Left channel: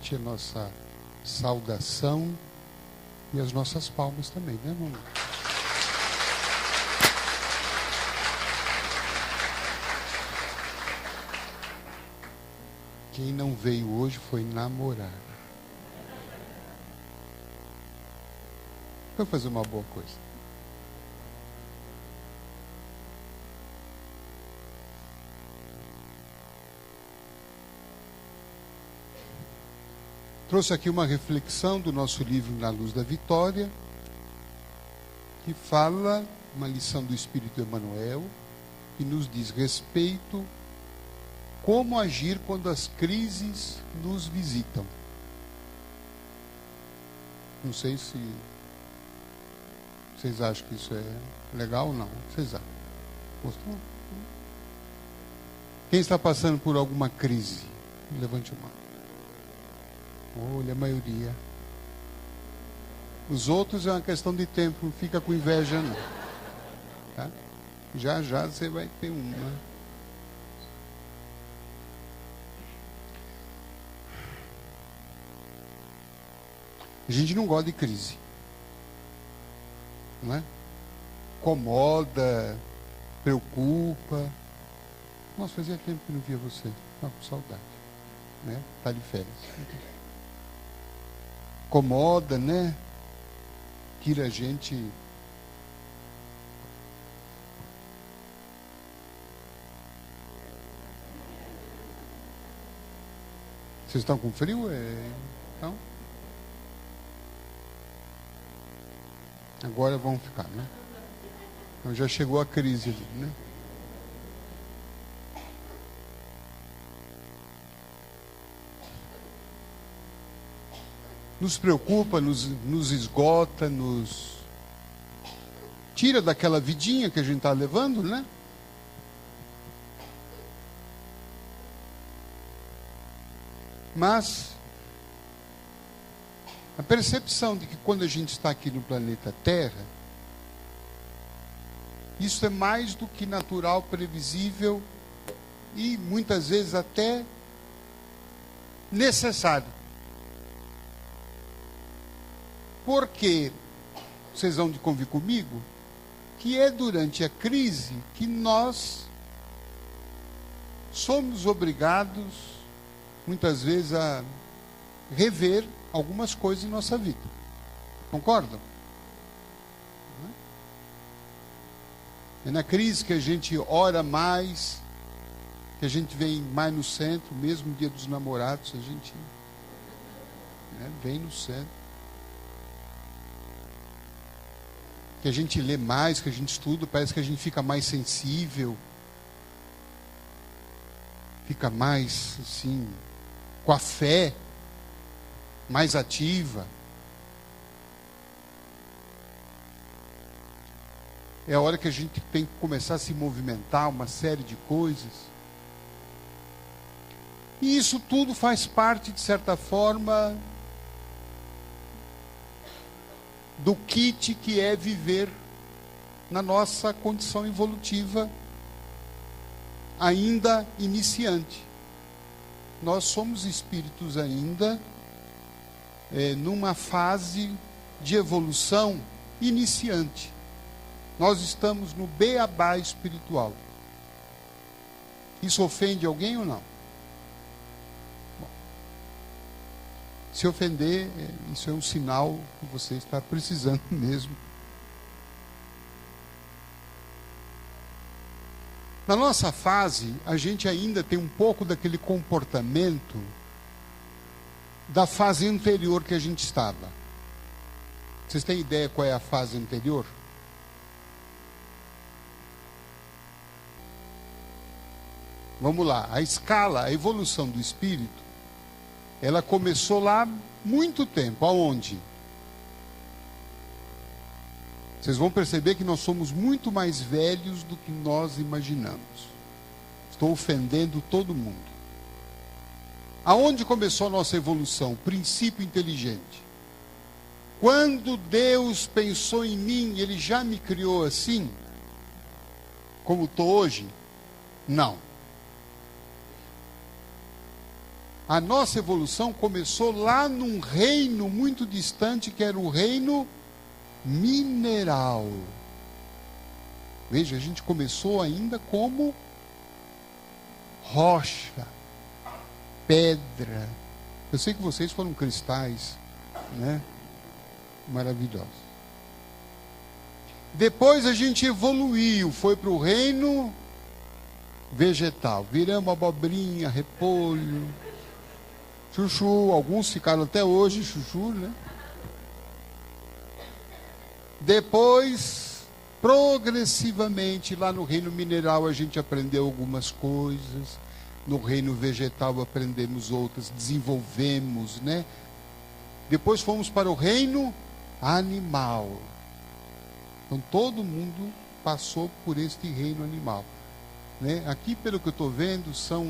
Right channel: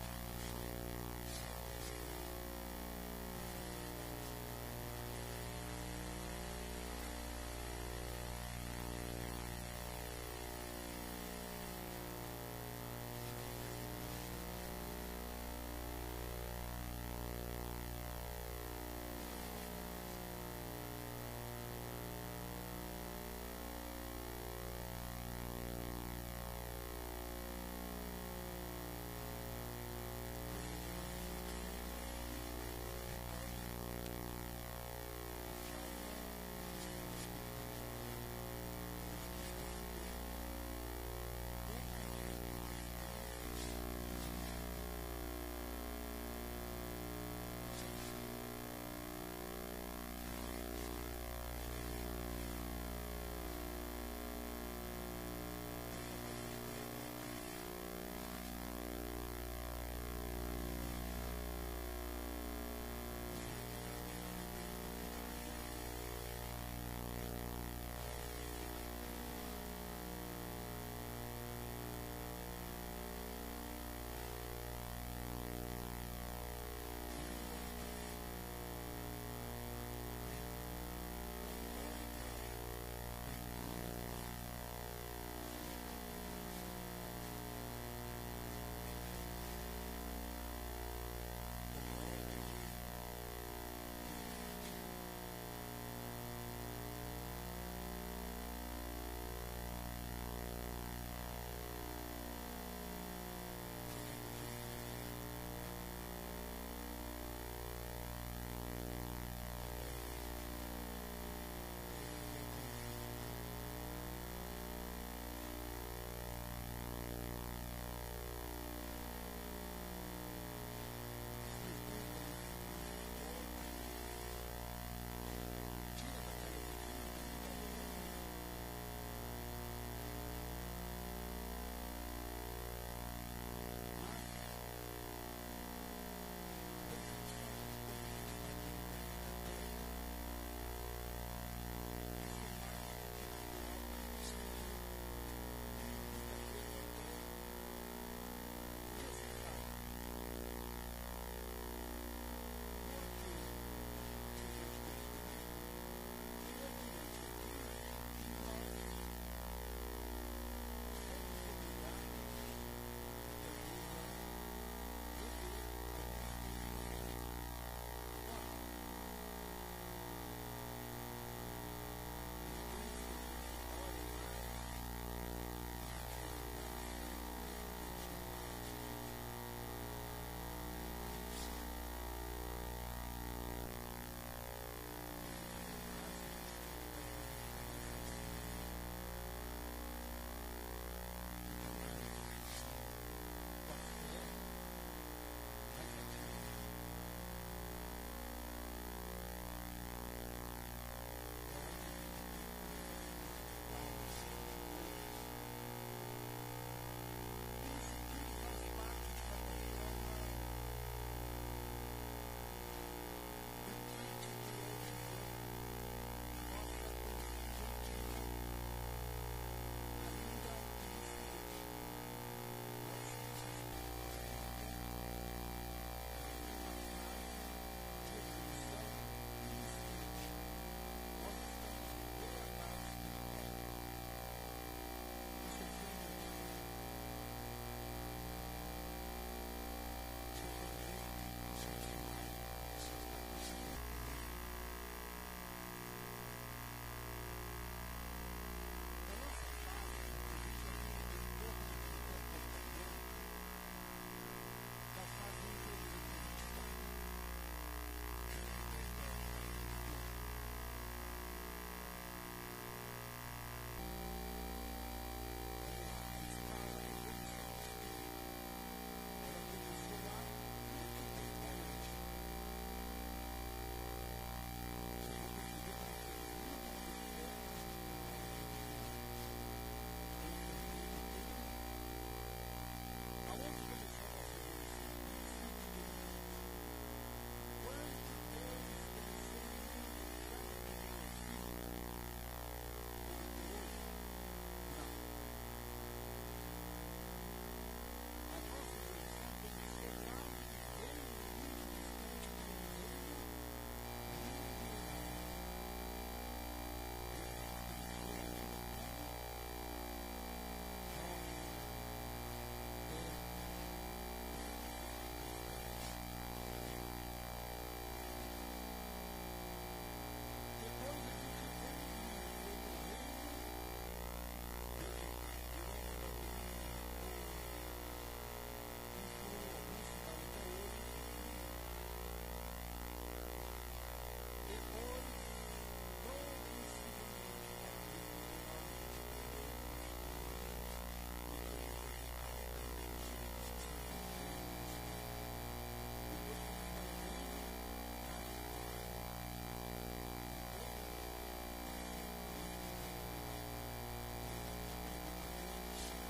repete a nossa saudação e as nossas palmas também, né, irmão? Quem não veio hoje foi namorar. Vamos fazer uma boa coisa. Trouxe aqui uma reflexão do nosso livro Na Luz da Vitória, que fala uma lição do Espírito Emmanuel, que nos diz respeito como agir quando as crises nos visitam. Não sei se vocês acham que isso é legal ou não. Vocês acham? Gostou? Quem está passando por alguma crise? Levante a mão. Olha, a maioria. Os outros é uma questão de tempo, não fica com inveja não. Tá? Já já você vai ter uma. A gente não gosta de crise. Não é? Incomoda, preocupa. Nossa, fazia tempo que não via você. Estava com saudade. Né? Está de férias. Incomoda, né? Tira a gente. Vocês estão com frio? Não? Agora vão ficar, né? Então já chegou a crise ali, né? Nos preocupa, nos esgota, nos tira daquela vidinha que a gente está levando, né? Mas a percepção de que quando a gente está aqui no planeta Terra, isso é mais do que natural, previsível e muitas vezes até necessário. Porque, vocês vão de convir comigo, que é durante a crise que nós somos obrigados, muitas vezes, a rever algumas coisas em nossa vida. Concordam? É na crise que a gente ora mais, que a gente vem mais no centro, mesmo no dia dos namorados, a gente vem no centro. Que a gente lê mais, que a gente estuda, parece que a gente fica mais sensível, fica mais, assim, com a fé mais ativa. É a hora que a gente tem que começar a se movimentar, uma série de coisas. E isso tudo faz parte, de certa forma, do kit que é viver na nossa condição evolutiva ainda iniciante. Nós somos espíritos ainda numa fase de evolução iniciante. Nós estamos no beabá espiritual. Isso ofende alguém ou não? Se ofender, isso é um sinal que você está precisando mesmo. Na nossa fase, a gente ainda tem um pouco daquele comportamento da fase anterior que a gente estava. Vocês têm ideia qual é a fase anterior? Vamos lá, a escala, a evolução do espírito, ela começou lá muito tempo. Aonde? Vocês vão perceber que nós somos muito mais velhos do que nós imaginamos. Estou ofendendo todo mundo. Aonde começou a nossa evolução? Princípio inteligente. Quando Deus pensou em mim, Ele já me criou assim, como estou hoje? Não. A nossa evolução começou lá num reino muito distante, que era o reino mineral. Veja, a gente começou ainda como rocha, pedra. Eu sei que vocês foram cristais, né? Maravilhosos. Depois a gente evoluiu, foi para o reino vegetal. Viramos abobrinha, repolho, chuchu. Alguns ficaram até hoje chuchu, né? Depois, progressivamente, lá no reino mineral a gente aprendeu algumas coisas. No reino vegetal aprendemos outras, desenvolvemos, né? Depois fomos para o reino animal. Então todo mundo passou por este reino animal, né? Aqui, pelo que eu estou vendo, são,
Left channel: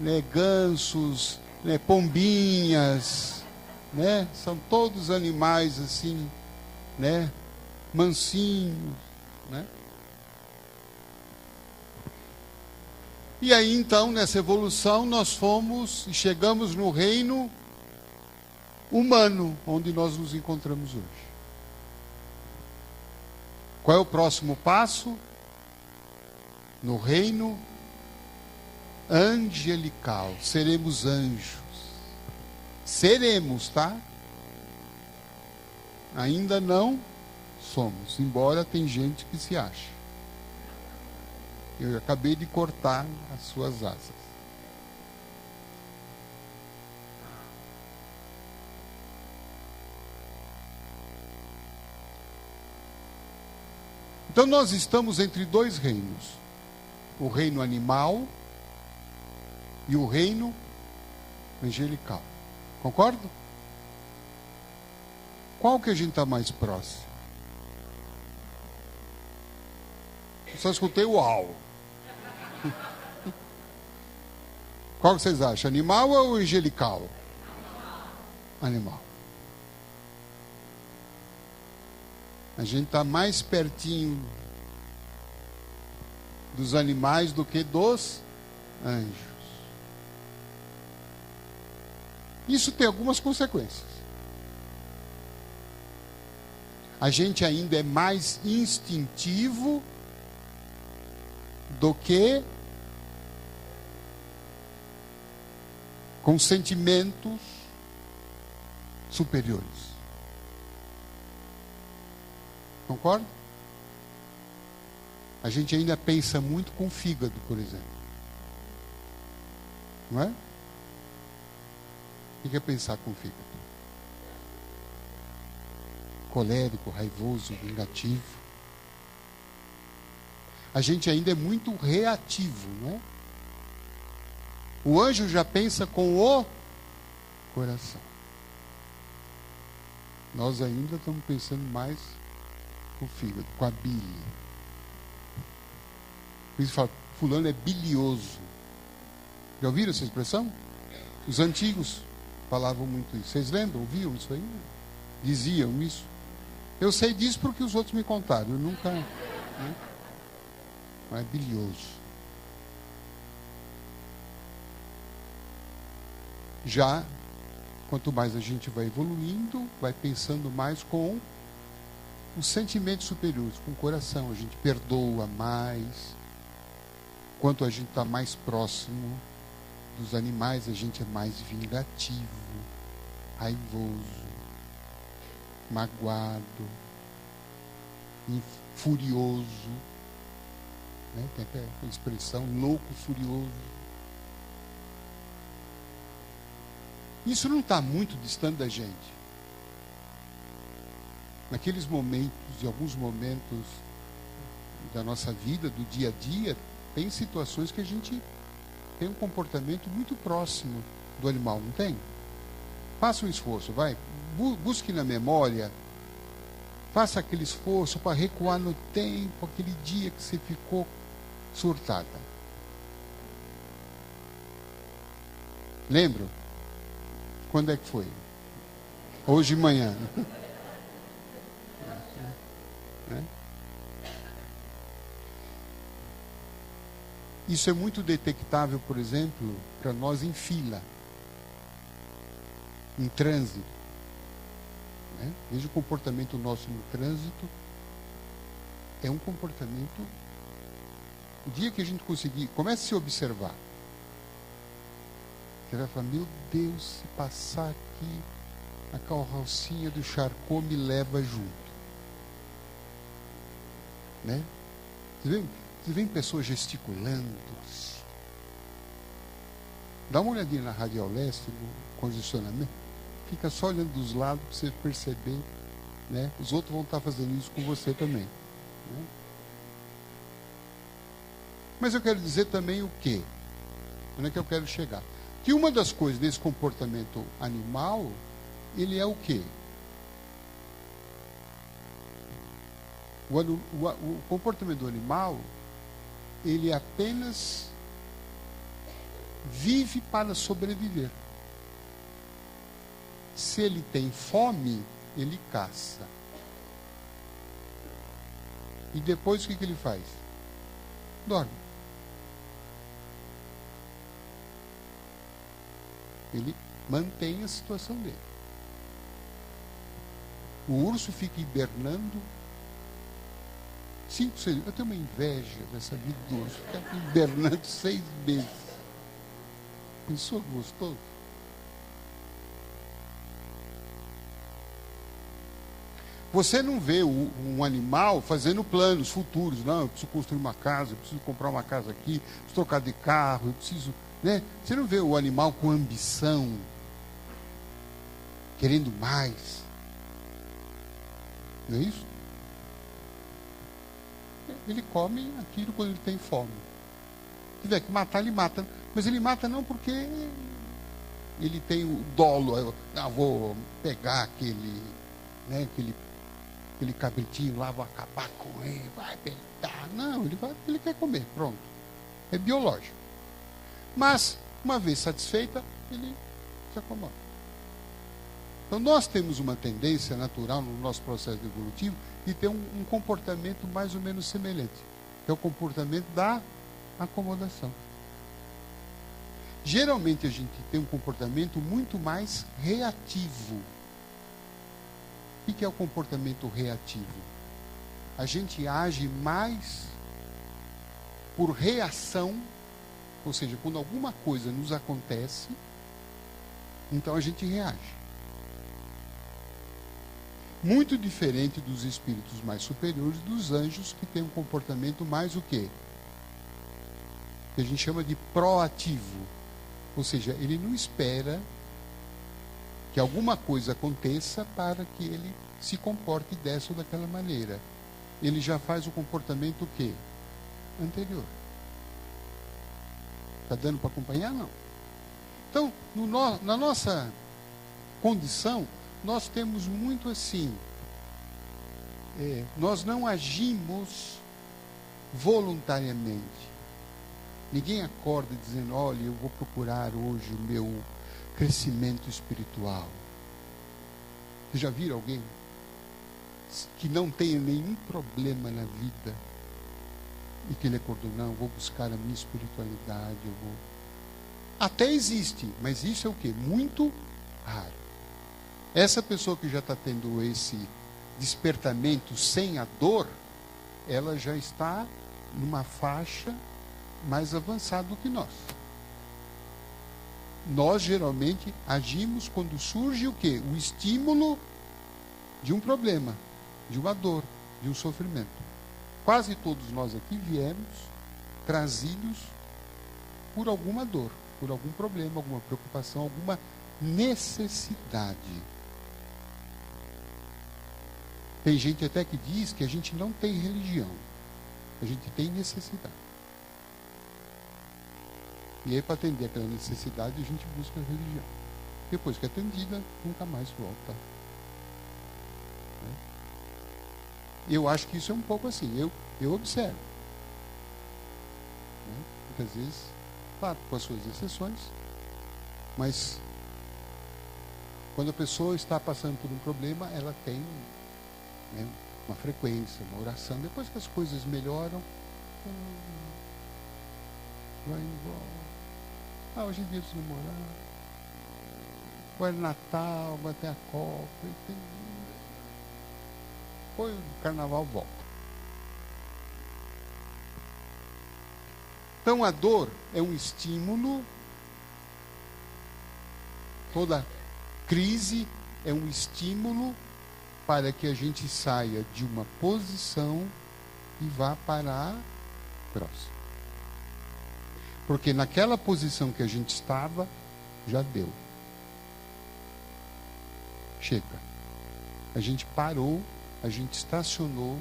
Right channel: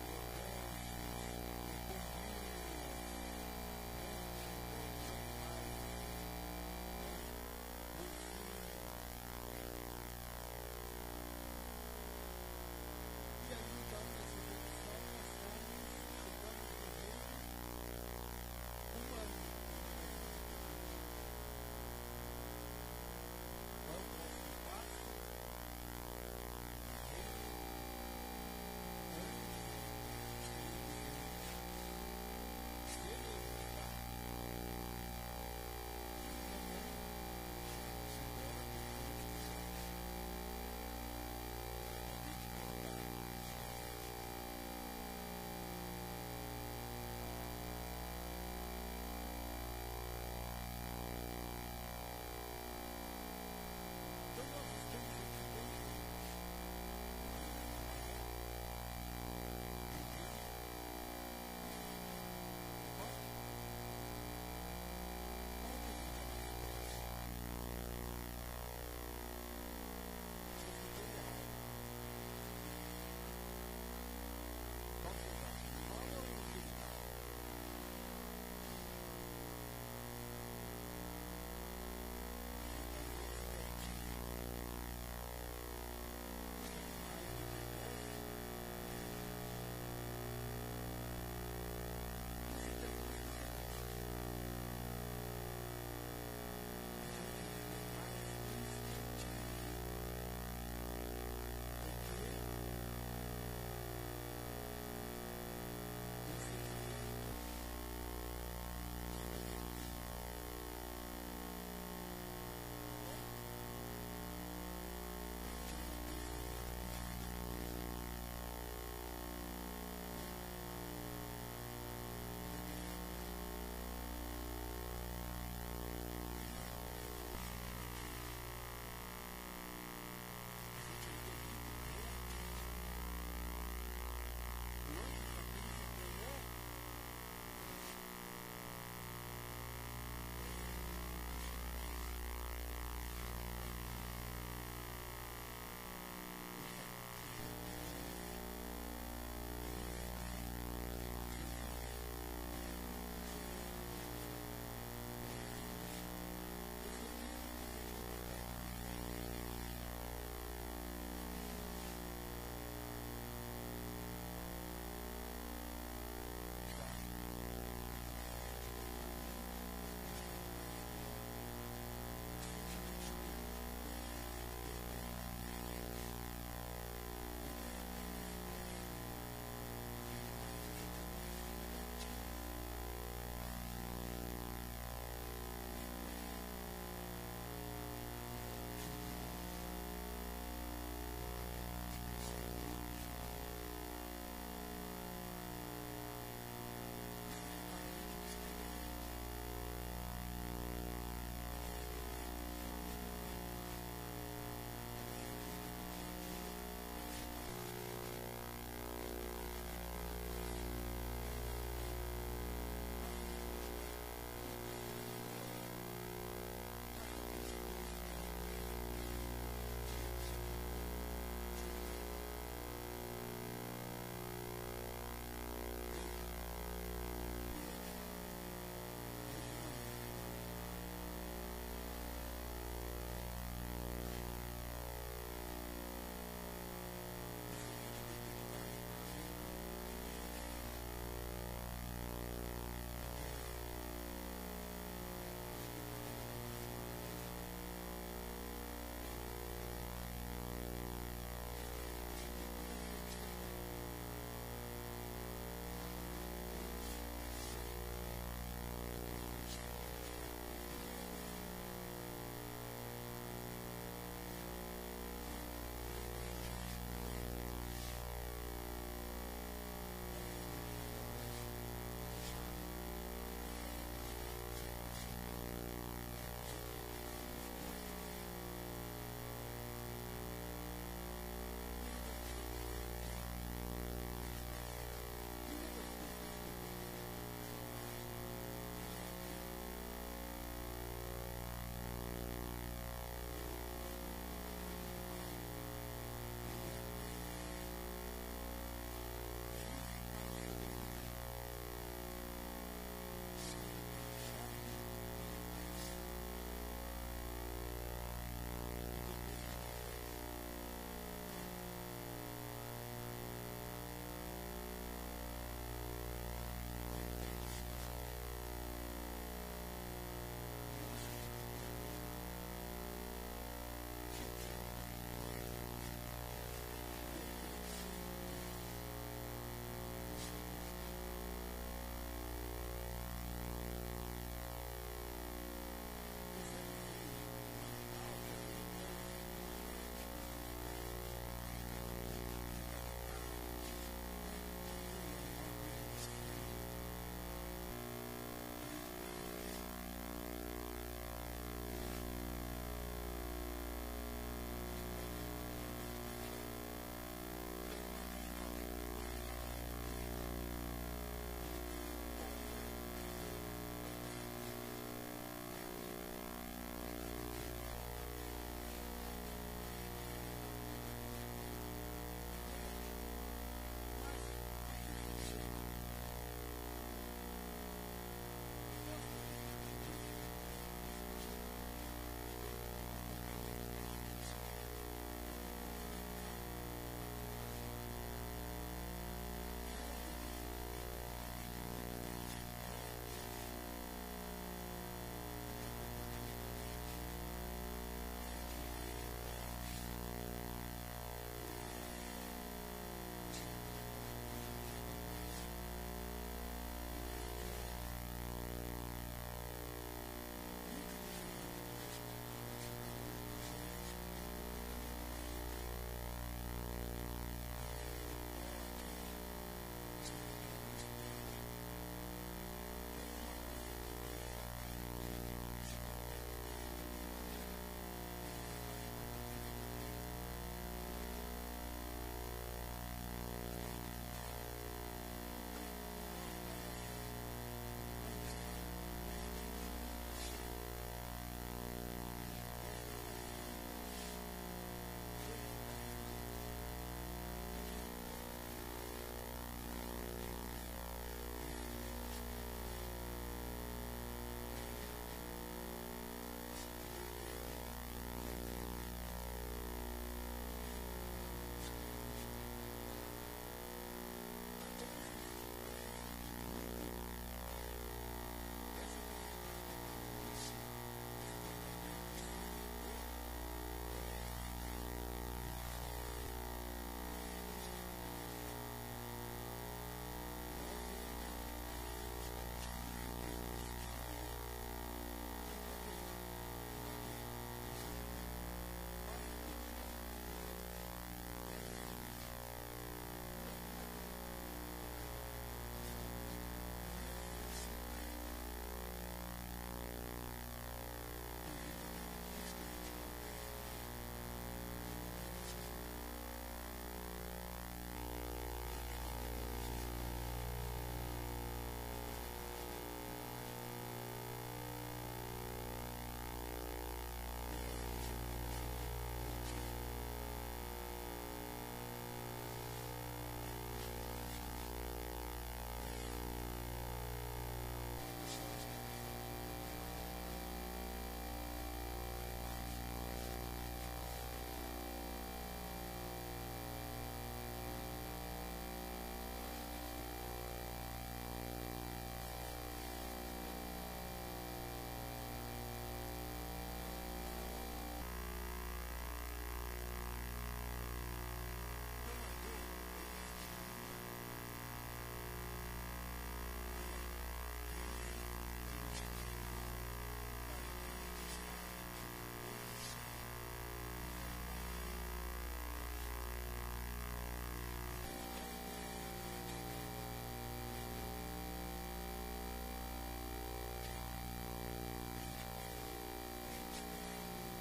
né, gansos, né, pombinhas, né? São todos animais assim, né, mansinhos, né? E aí então, nessa evolução, nós fomos e chegamos no reino humano, onde nós nos encontramos hoje. Qual é o próximo passo? No reino angelical. Seremos anjos. Seremos, tá? Ainda não somos, embora tem gente que se acha. Eu acabei de cortar as suas asas. Então nós estamos entre dois reinos. O reino animal e o reino angelical. Concorda? Qual que a gente está mais próximo? Eu só escutei o uau. Qual que vocês acham? Animal ou angelical? Animal. A gente está mais pertinho dos animais do que dos anjos. Isso tem algumas consequências. A gente ainda é mais instintivo do que com sentimentos superiores. Concorda? A gente ainda pensa muito com o fígado, por exemplo. Não é? O que é pensar com o fígado? Colérico, raivoso, vingativo. A gente ainda é muito reativo, né? O anjo já pensa com o coração. Nós ainda estamos pensando mais com o fígado, com a bile. Por isso fala, fulano é bilioso. Já ouviram essa expressão? Os antigos falavam muito isso. Vocês lembram? Ouviam isso aí? Diziam isso. Eu sei disso porque os outros me contaram. Eu nunca... Né? Mas é bilioso. Já, quanto mais a gente vai evoluindo, vai pensando mais com os sentimentos superiores, com o coração. A gente perdoa mais. Quanto a gente está mais próximo dos animais, a gente é mais vingativo, raivoso, magoado, furioso. Né? Tem até a expressão louco, furioso. Isso não está muito distante da gente. Naqueles momentos, de alguns momentos da nossa vida, do dia a dia, tem situações que a gente tem um comportamento muito próximo do animal, não tem? Faça um esforço, vai. Busque na memória. Faça aquele esforço para recuar no tempo, aquele dia que você ficou surtada. Lembra? Quando é que foi? Hoje de manhã. Isso é muito detectável, por exemplo, para nós em fila. em trânsito. Né? Veja o comportamento nosso no trânsito. É um comportamento. O dia que a gente conseguir, comece a se observar. Você vai falar, meu Deus, se passar aqui, a carrocinha do Charcot me leva junto. Né? Você vê pessoas gesticulando. Dá uma olhadinha na Radial Leste, no condicionamento. Fica só olhando dos lados para você perceber. Né? Os outros vão estar fazendo isso com você também. Né? Mas eu quero dizer também o quê? Onde é que eu quero chegar? Que uma das coisas desse comportamento animal, ele é o quê? O comportamento do animal, ele apenas vive para sobreviver. Se ele tem fome, ele caça. E depois o que ele faz? Dorme. Ele mantém a situação dele. O urso fica hibernando 5, 6 meses. Eu tenho uma inveja dessa vida do urso. Fica hibernando 6 meses. Pensou gostoso? Você não vê um animal fazendo planos futuros. Não, eu preciso construir uma casa, eu preciso comprar uma casa aqui, preciso trocar de carro, eu preciso... Né? Você não vê o animal com ambição, querendo mais. Não é isso? Ele come aquilo quando ele tem fome. Se tiver que matar, ele mata. Mas ele mata não porque ele tem o dolo. Eu vou pegar aquele cabritinho lá, vou acabar com ele, vai pegar. Não, ele quer comer, pronto. É biológico. Mas, uma vez satisfeita, ele se acomoda. Então, nós temos uma tendência natural no nosso processo evolutivo de ter um comportamento mais ou menos semelhante, que é o comportamento da acomodação. Geralmente, a gente tem um comportamento muito mais reativo. O que é o comportamento reativo? A gente age mais por reação. Ou seja, quando alguma coisa nos acontece, então a gente reage. Muito diferente dos espíritos mais superiores, dos anjos, que têm um comportamento mais o quê? Que a gente chama de proativo. Ou seja, ele não espera que alguma coisa aconteça para que ele se comporte dessa ou daquela maneira. Ele já faz o comportamento o quê? Anterior. Está dando para acompanhar? Não. Então, na nossa condição, nós temos muito assim. Nós não agimos voluntariamente. Ninguém acorda dizendo, olha, eu vou procurar hoje o meu crescimento espiritual. Vocês já viram alguém que não tenha nenhum problema na vida e que ele acordou, não, eu vou buscar a minha espiritualidade, Até existe, mas isso é o quê? Muito raro. Essa pessoa que já está tendo esse despertamento sem a dor, ela já está numa faixa mais avançada do que nós. Nós geralmente agimos quando surge o quê? O estímulo de um problema, de uma dor, de um sofrimento. Quase todos nós aqui viemos trazidos por alguma dor, por algum problema, alguma preocupação, alguma necessidade. Tem gente até que diz que a gente não tem religião, a gente tem necessidade. E aí, para atender aquela necessidade, a gente busca a religião. Depois que é atendida, nunca mais volta. Eu acho que isso é um pouco assim, eu observo. Muitas vezes, claro, com as suas exceções, mas quando a pessoa está passando por um problema, ela tem uma frequência, uma oração. Depois que as coisas melhoram, vai embora. Hoje em dia isso não morreu. Agora é Natal, vai ter a Copa. Depois o carnaval volta. Então a dor é um estímulo, toda crise é um estímulo para que a gente saia de uma posição e vá para a próxima. Porque naquela posição que a gente estava, já deu. Chega. A gente parou, a gente estacionou,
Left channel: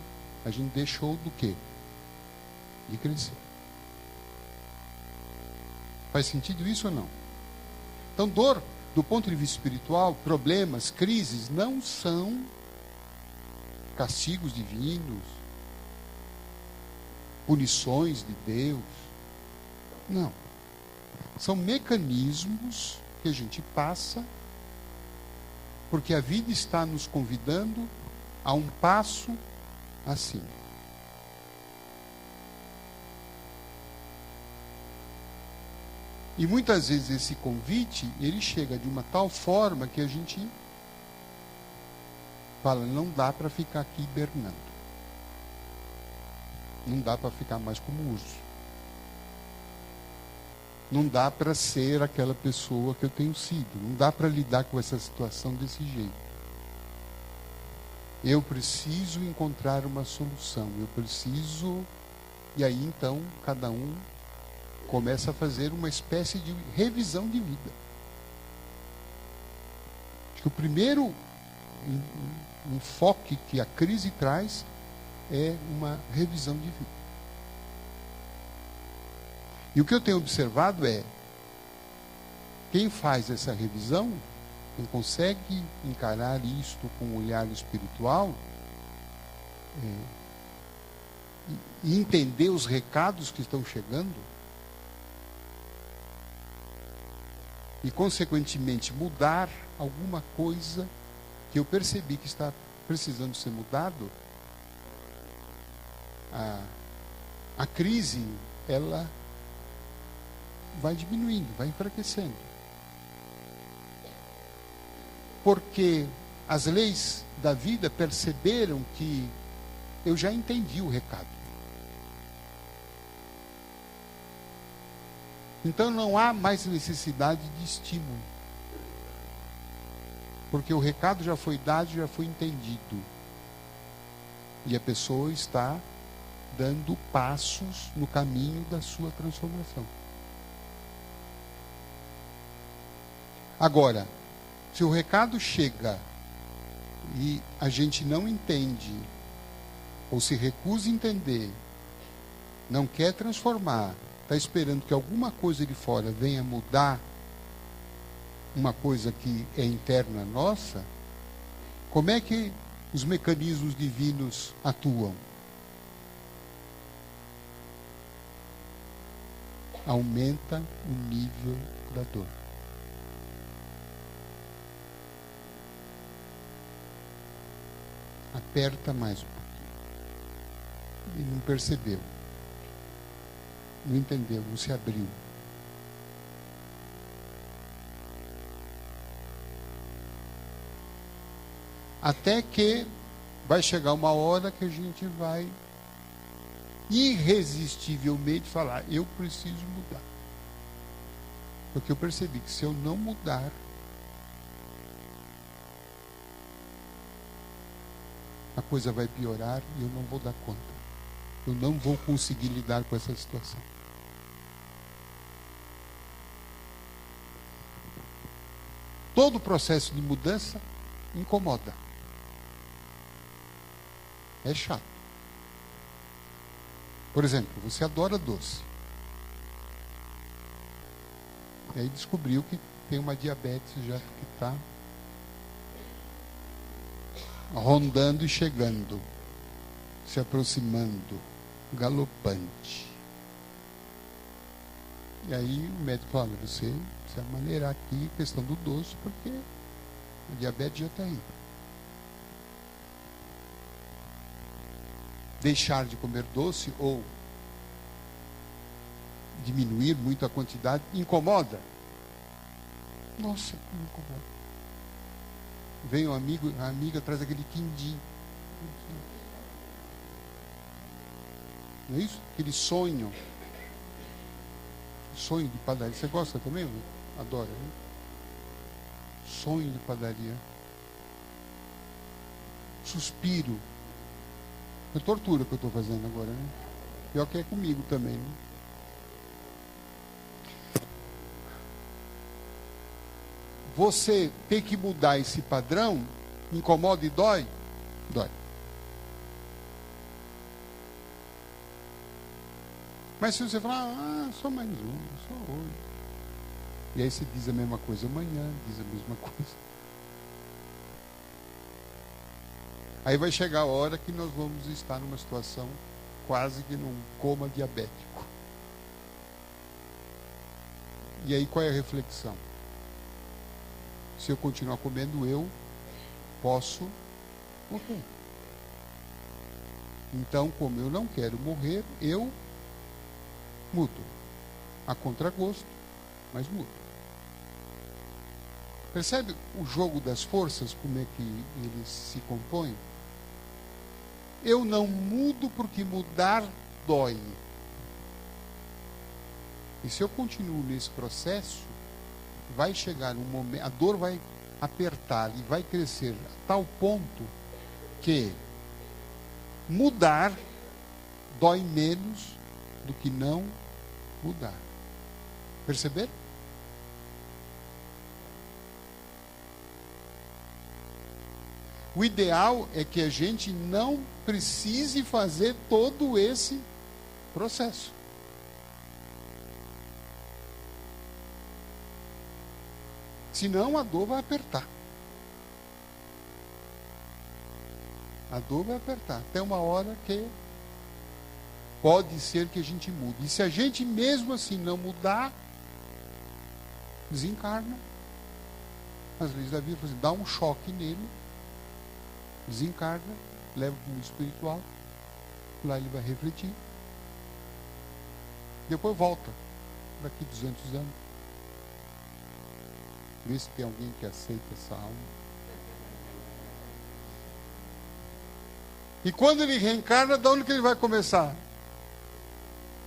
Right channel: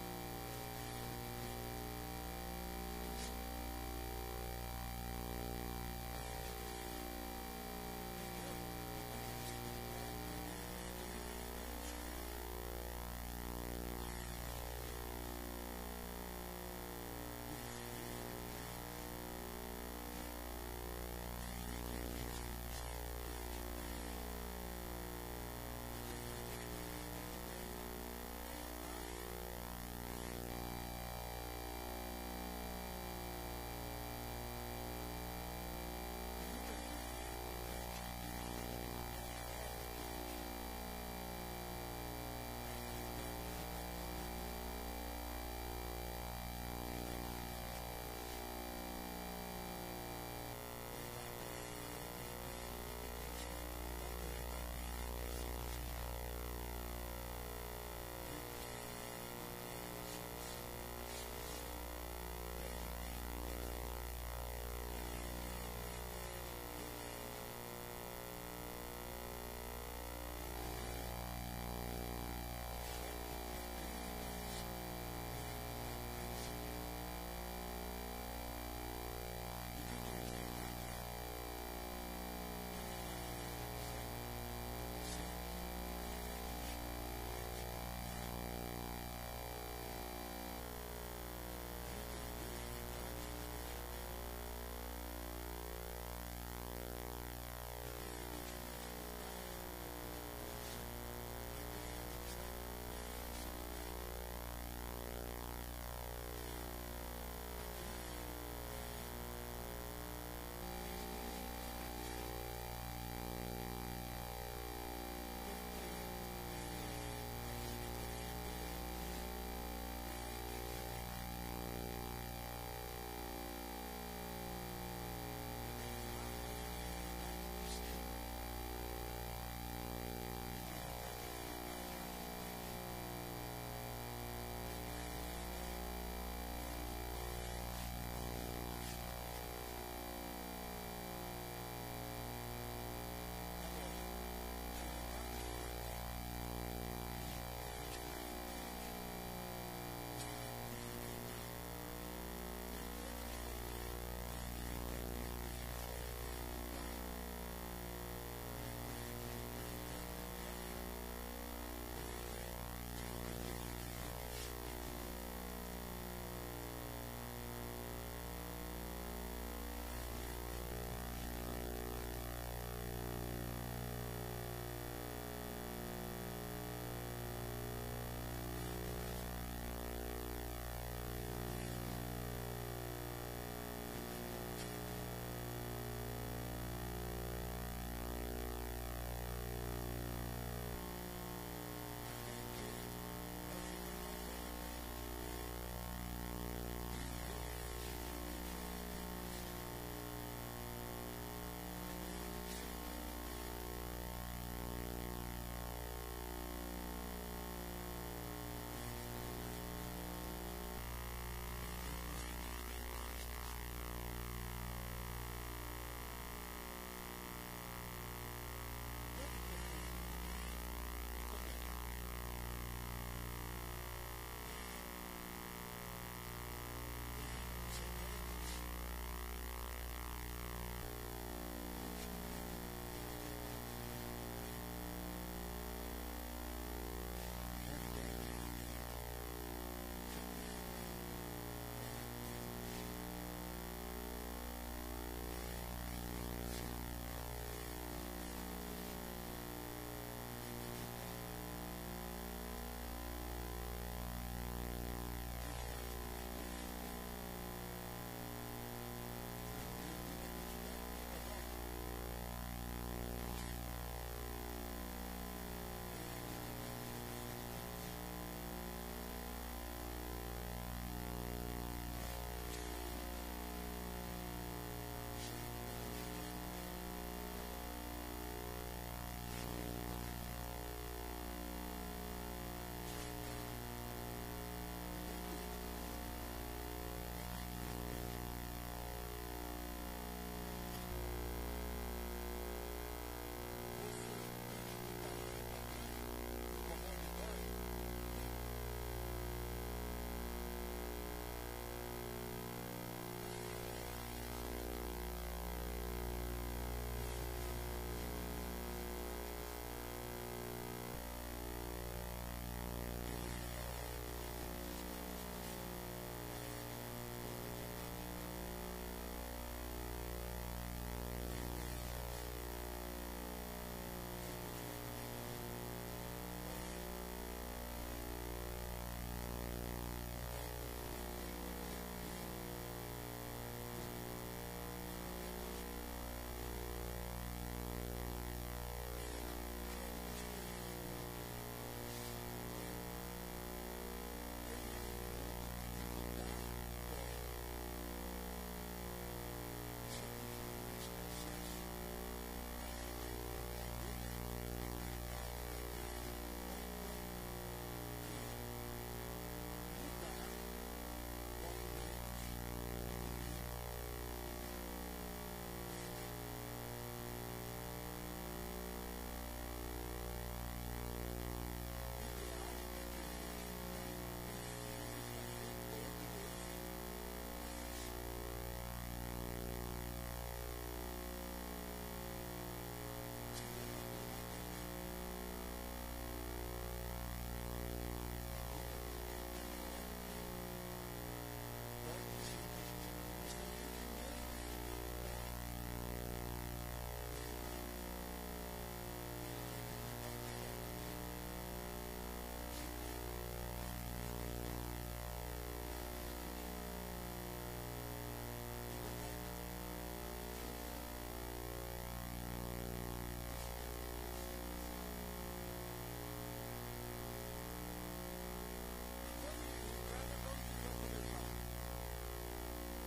a gente deixou do quê? De crescer. Faz sentido isso ou não? Então, dor, do ponto de vista espiritual, problemas, crises, não são castigos divinos, punições de Deus. Não. São mecanismos que a gente passa porque a vida está nos convidando a um passo acima. E muitas vezes esse convite, ele chega de uma tal forma que a gente fala, não dá para ficar aqui hibernando. Não dá para ficar mais como urso. Não dá para ser aquela pessoa que eu tenho sido. Não dá para lidar com essa situação desse jeito. Eu preciso encontrar uma solução. Eu preciso... E aí, então, cada um começa a fazer uma espécie de revisão de vida. Acho que o primeiro enfoque que a crise traz é uma revisão de vida. E o que eu tenho observado é, quem faz essa revisão, quem consegue encarar isto com um olhar espiritual, e entender os recados que estão chegando, e consequentemente mudar alguma coisa que eu percebi que está precisando ser mudado, a crise, ela vai diminuindo, vai enfraquecendo. Porque as leis da vida perceberam que eu já entendi o recado. Então não há mais necessidade de estímulo. Porque o recado já foi dado, já foi entendido. E a pessoa está dando passos no caminho da sua transformação. Agora, se o recado chega e a gente não entende, ou se recusa a entender, não quer transformar, está esperando que alguma coisa de fora venha mudar uma coisa que é interna nossa, como é que os mecanismos divinos atuam? Aumenta o nível da dor. Aperta mais um pouco. E não percebeu. Não entendeu, não se abriu. Até que vai chegar uma hora que a gente vai irresistivelmente falar, eu preciso mudar. Porque eu percebi que se eu não mudar, a coisa vai piorar e eu não vou dar conta. Eu não vou conseguir lidar com essa situação. Todo o processo de mudança incomoda. É chato. Por exemplo, você adora doce. E aí descobriu que tem uma diabetes já que está rondando e chegando, se aproximando, galopante. E aí o médico fala, você precisa maneirar aqui a questão do doce, porque o diabetes já está aí. Deixar de comer doce ou diminuir muito a quantidade incomoda. Nossa, que incomoda. Vem um amigo, a amiga traz aquele quindim. Não é isso? Aquele sonho. Sonho de padaria. Você gosta também? Não? Adora, né? Sonho de padaria. Suspiro. É tortura que eu estou fazendo agora, né? Pior que é comigo também, né? Você ter que mudar esse padrão, incomoda e dói? Dói. Mas se você falar, sou mais um, sou hoje. E aí você diz a mesma coisa amanhã, diz a mesma coisa. Aí vai chegar a hora que nós vamos estar numa situação quase que num coma diabético. E aí qual é a reflexão? Se eu continuar comendo, eu posso morrer. Então, como eu não quero morrer, eu mudo. A contragosto, mas mudo. Percebe o jogo das forças, como é que eles se compõem? Eu não mudo porque mudar dói. E se eu continuo nesse processo, vai chegar um momento, a dor vai apertar e vai crescer a tal ponto que mudar dói menos do que não mudar. Perceber? O ideal é que a gente não precise fazer todo esse processo. Senão a dor vai apertar. A dor vai apertar. Até uma hora que pode ser que a gente mude. E se a gente mesmo assim não mudar, desencarna. Às vezes a vida dá um choque nele, desencarna, leva para o mundo espiritual, lá ele vai refletir. Depois volta, daqui 200 anos. Vê se tem alguém que aceita essa alma. E quando ele reencarna, de onde que ele vai começar?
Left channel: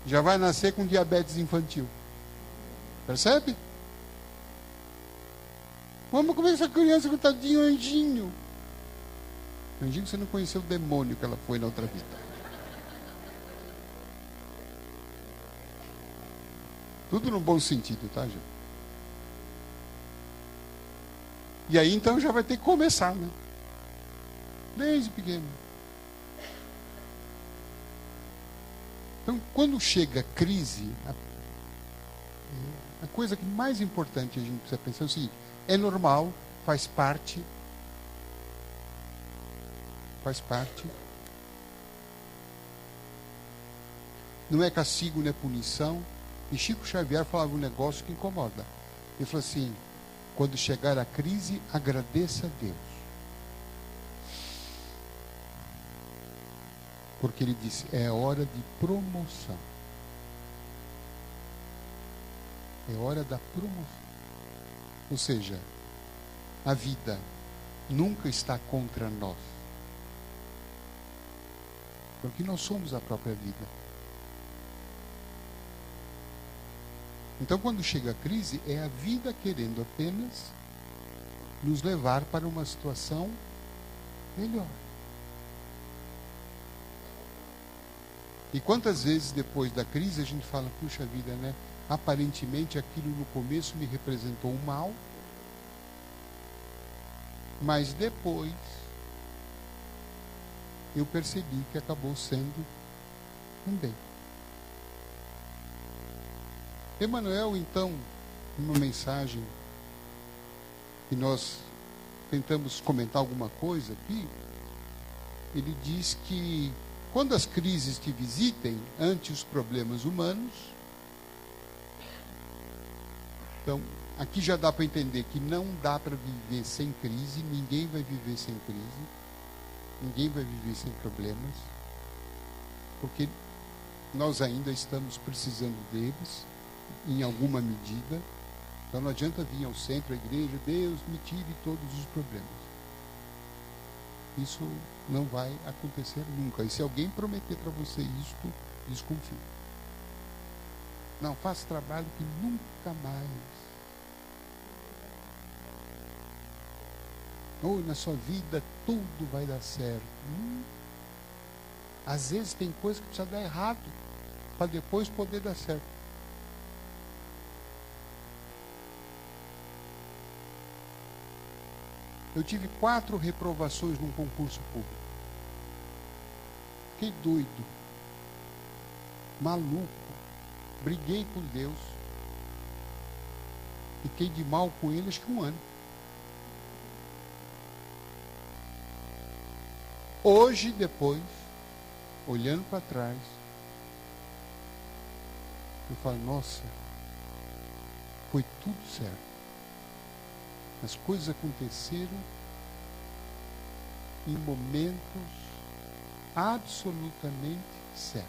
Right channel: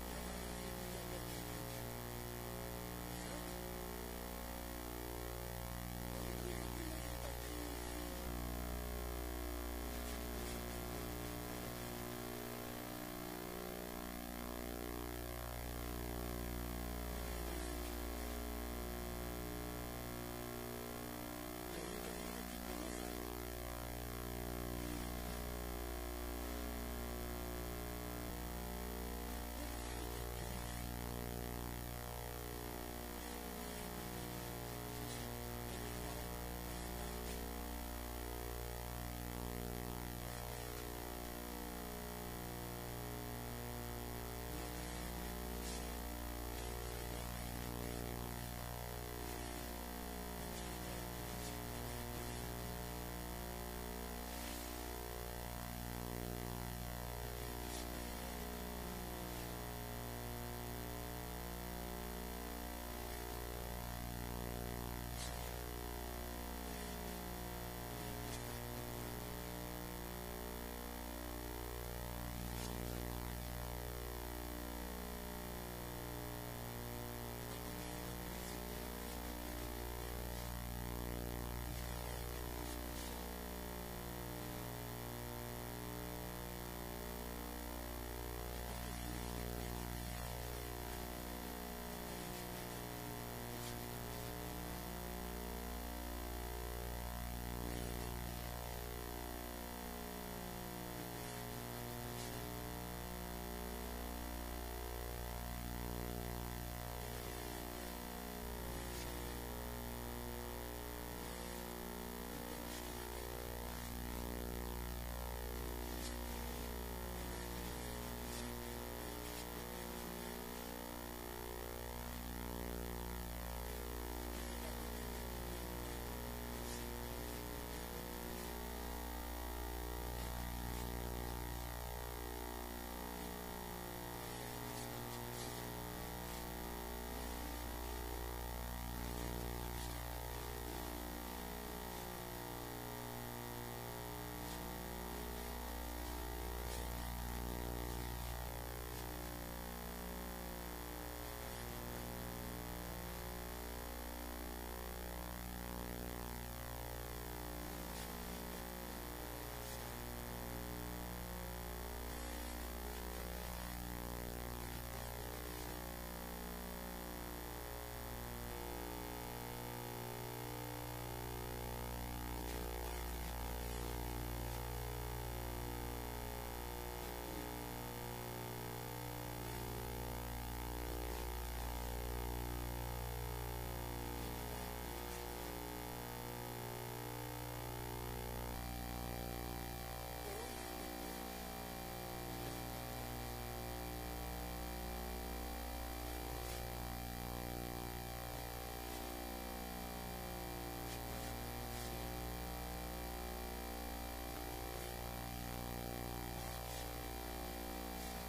Já vai nascer com diabetes infantil. Percebe? Vamos comer essa criança com tadinho anjinho. Anjinho, você não conheceu o demônio que ela foi na outra vida. Tudo no bom sentido, tá, gente? E aí então já vai ter que começar, né? Desde pequeno. Então, quando chega a crise, a coisa mais importante que a gente precisa pensar é o seguinte: é normal, faz parte. Faz parte. Não é castigo, não é punição. E Chico Xavier falava um negócio que incomoda. Ele falou assim: quando chegar a crise, agradeça a Deus. Porque ele disse, é hora de promoção. É hora da promoção. Ou seja, a vida nunca está contra nós. Porque nós somos a própria vida. Então, quando chega a crise, é a vida querendo apenas nos levar para uma situação melhor. E quantas vezes depois da crise a gente fala, puxa vida, né? Aparentemente aquilo no começo me representou um mal, mas depois eu percebi que acabou sendo um bem. Emmanuel, então, numa mensagem que nós tentamos comentar alguma coisa aqui, ele diz que quando as crises te visitem ante os problemas humanos, então, aqui já dá para entender que não dá para viver sem crise, ninguém vai viver sem crise, ninguém vai viver sem problemas, porque nós ainda estamos precisando deles, em alguma medida. Então não adianta vir ao centro, à igreja, Deus me tire todos os problemas. isso não vai acontecer nunca. E se alguém prometer para você isso, desconfie. Não, faça trabalho que nunca mais. Ou na sua vida tudo vai dar certo. Às vezes tem coisa que precisa dar errado para depois poder dar certo. Eu tive 4 reprovações num concurso público. Fiquei doido, maluco, briguei com Deus, fiquei de mal com ele acho que 1 ano. Hoje, depois, olhando para trás, eu falo, nossa, foi tudo certo. As coisas aconteceram em momentos absolutamente certos.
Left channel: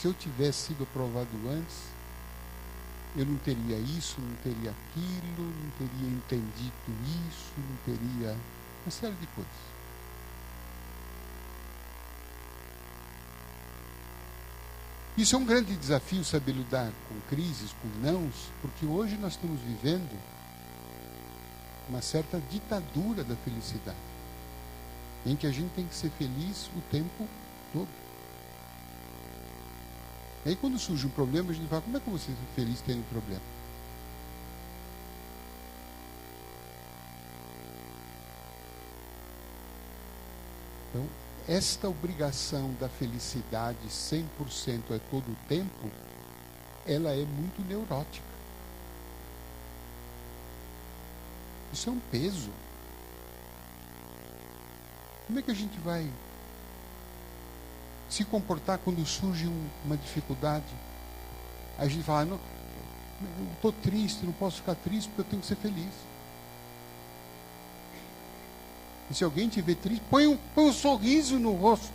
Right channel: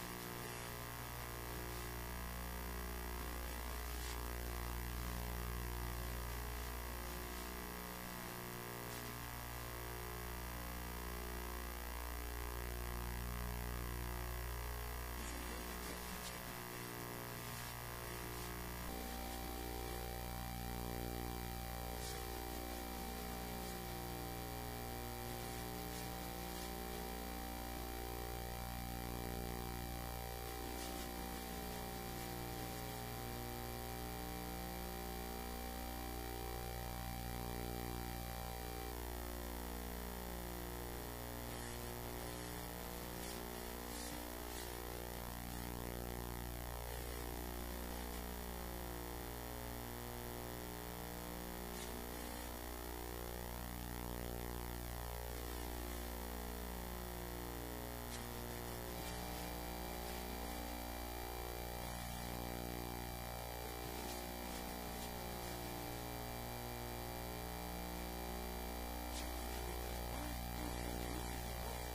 Se eu tivesse sido aprovado antes, eu não teria isso, não teria aquilo, não teria entendido isso, não teria uma série de coisas. Isso é um grande desafio, saber lidar com crises, com nãos, porque hoje nós estamos vivendo uma certa ditadura da felicidade, em que a gente tem que ser feliz o tempo todo. E aí quando surge um problema, a gente fala, como é que eu vou ser feliz tendo problema? Então, esta obrigação da felicidade 100% a todo o tempo, ela é muito neurótica. Isso é um peso. Como é que a gente vai se comportar quando surge uma dificuldade? A gente fala, não estou triste, não posso ficar triste porque eu tenho que ser feliz. E se alguém te vê triste, põe um sorriso no rosto.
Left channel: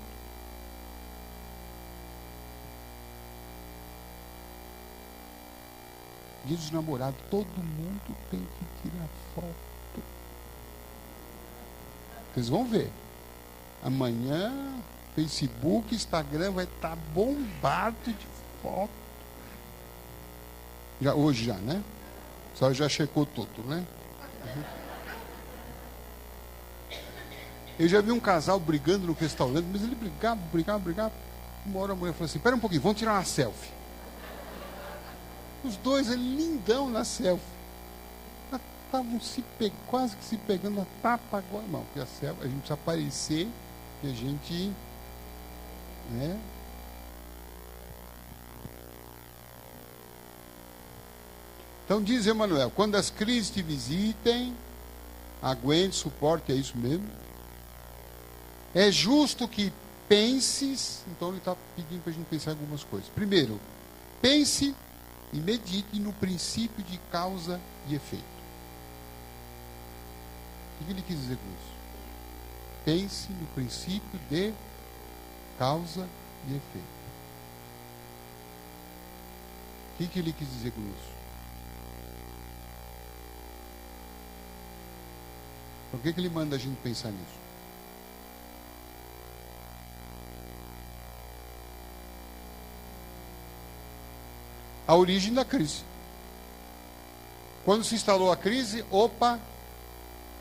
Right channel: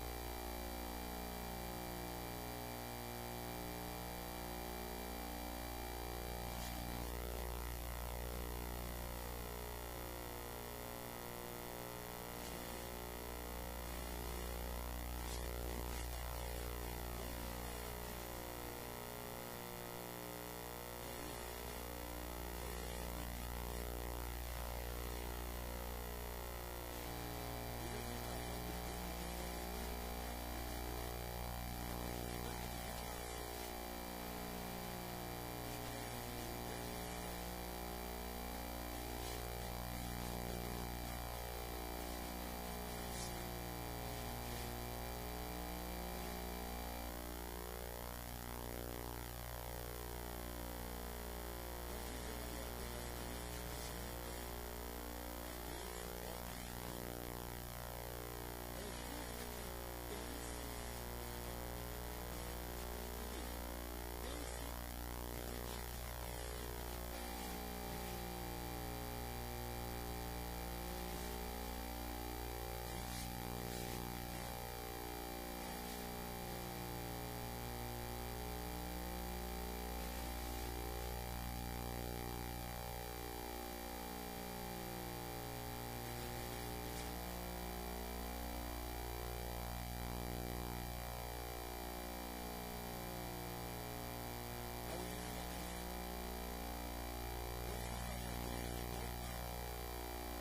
Dia dos namorados, todo mundo tem que tirar foto. Vocês vão ver. Amanhã, Facebook, Instagram vai estar bombado de foto. Hoje já, né? Só já checou tudo, né? Eu já vi um casal brigando no restaurante, mas ele brigava. Uma hora a mulher falou assim, espera um pouquinho, vamos tirar uma selfie. Os dois lindão na selfie. Estavam quase que se pegando a tapa agora. Não, porque a selfie, a gente precisa aparecer que a gente, né? Então diz Emmanuel, quando as crises te visitem, aguente, suporte, é isso mesmo. É justo que penses, então ele está pedindo para a gente pensar em algumas coisas. Primeiro, pense e medite no princípio de causa e efeito. O que ele quis dizer com isso? Pense no princípio de causa e efeito. O que ele quis dizer com isso? Por que ele manda a gente pensar nisso? A origem da crise. Quando se instalou a crise, opa,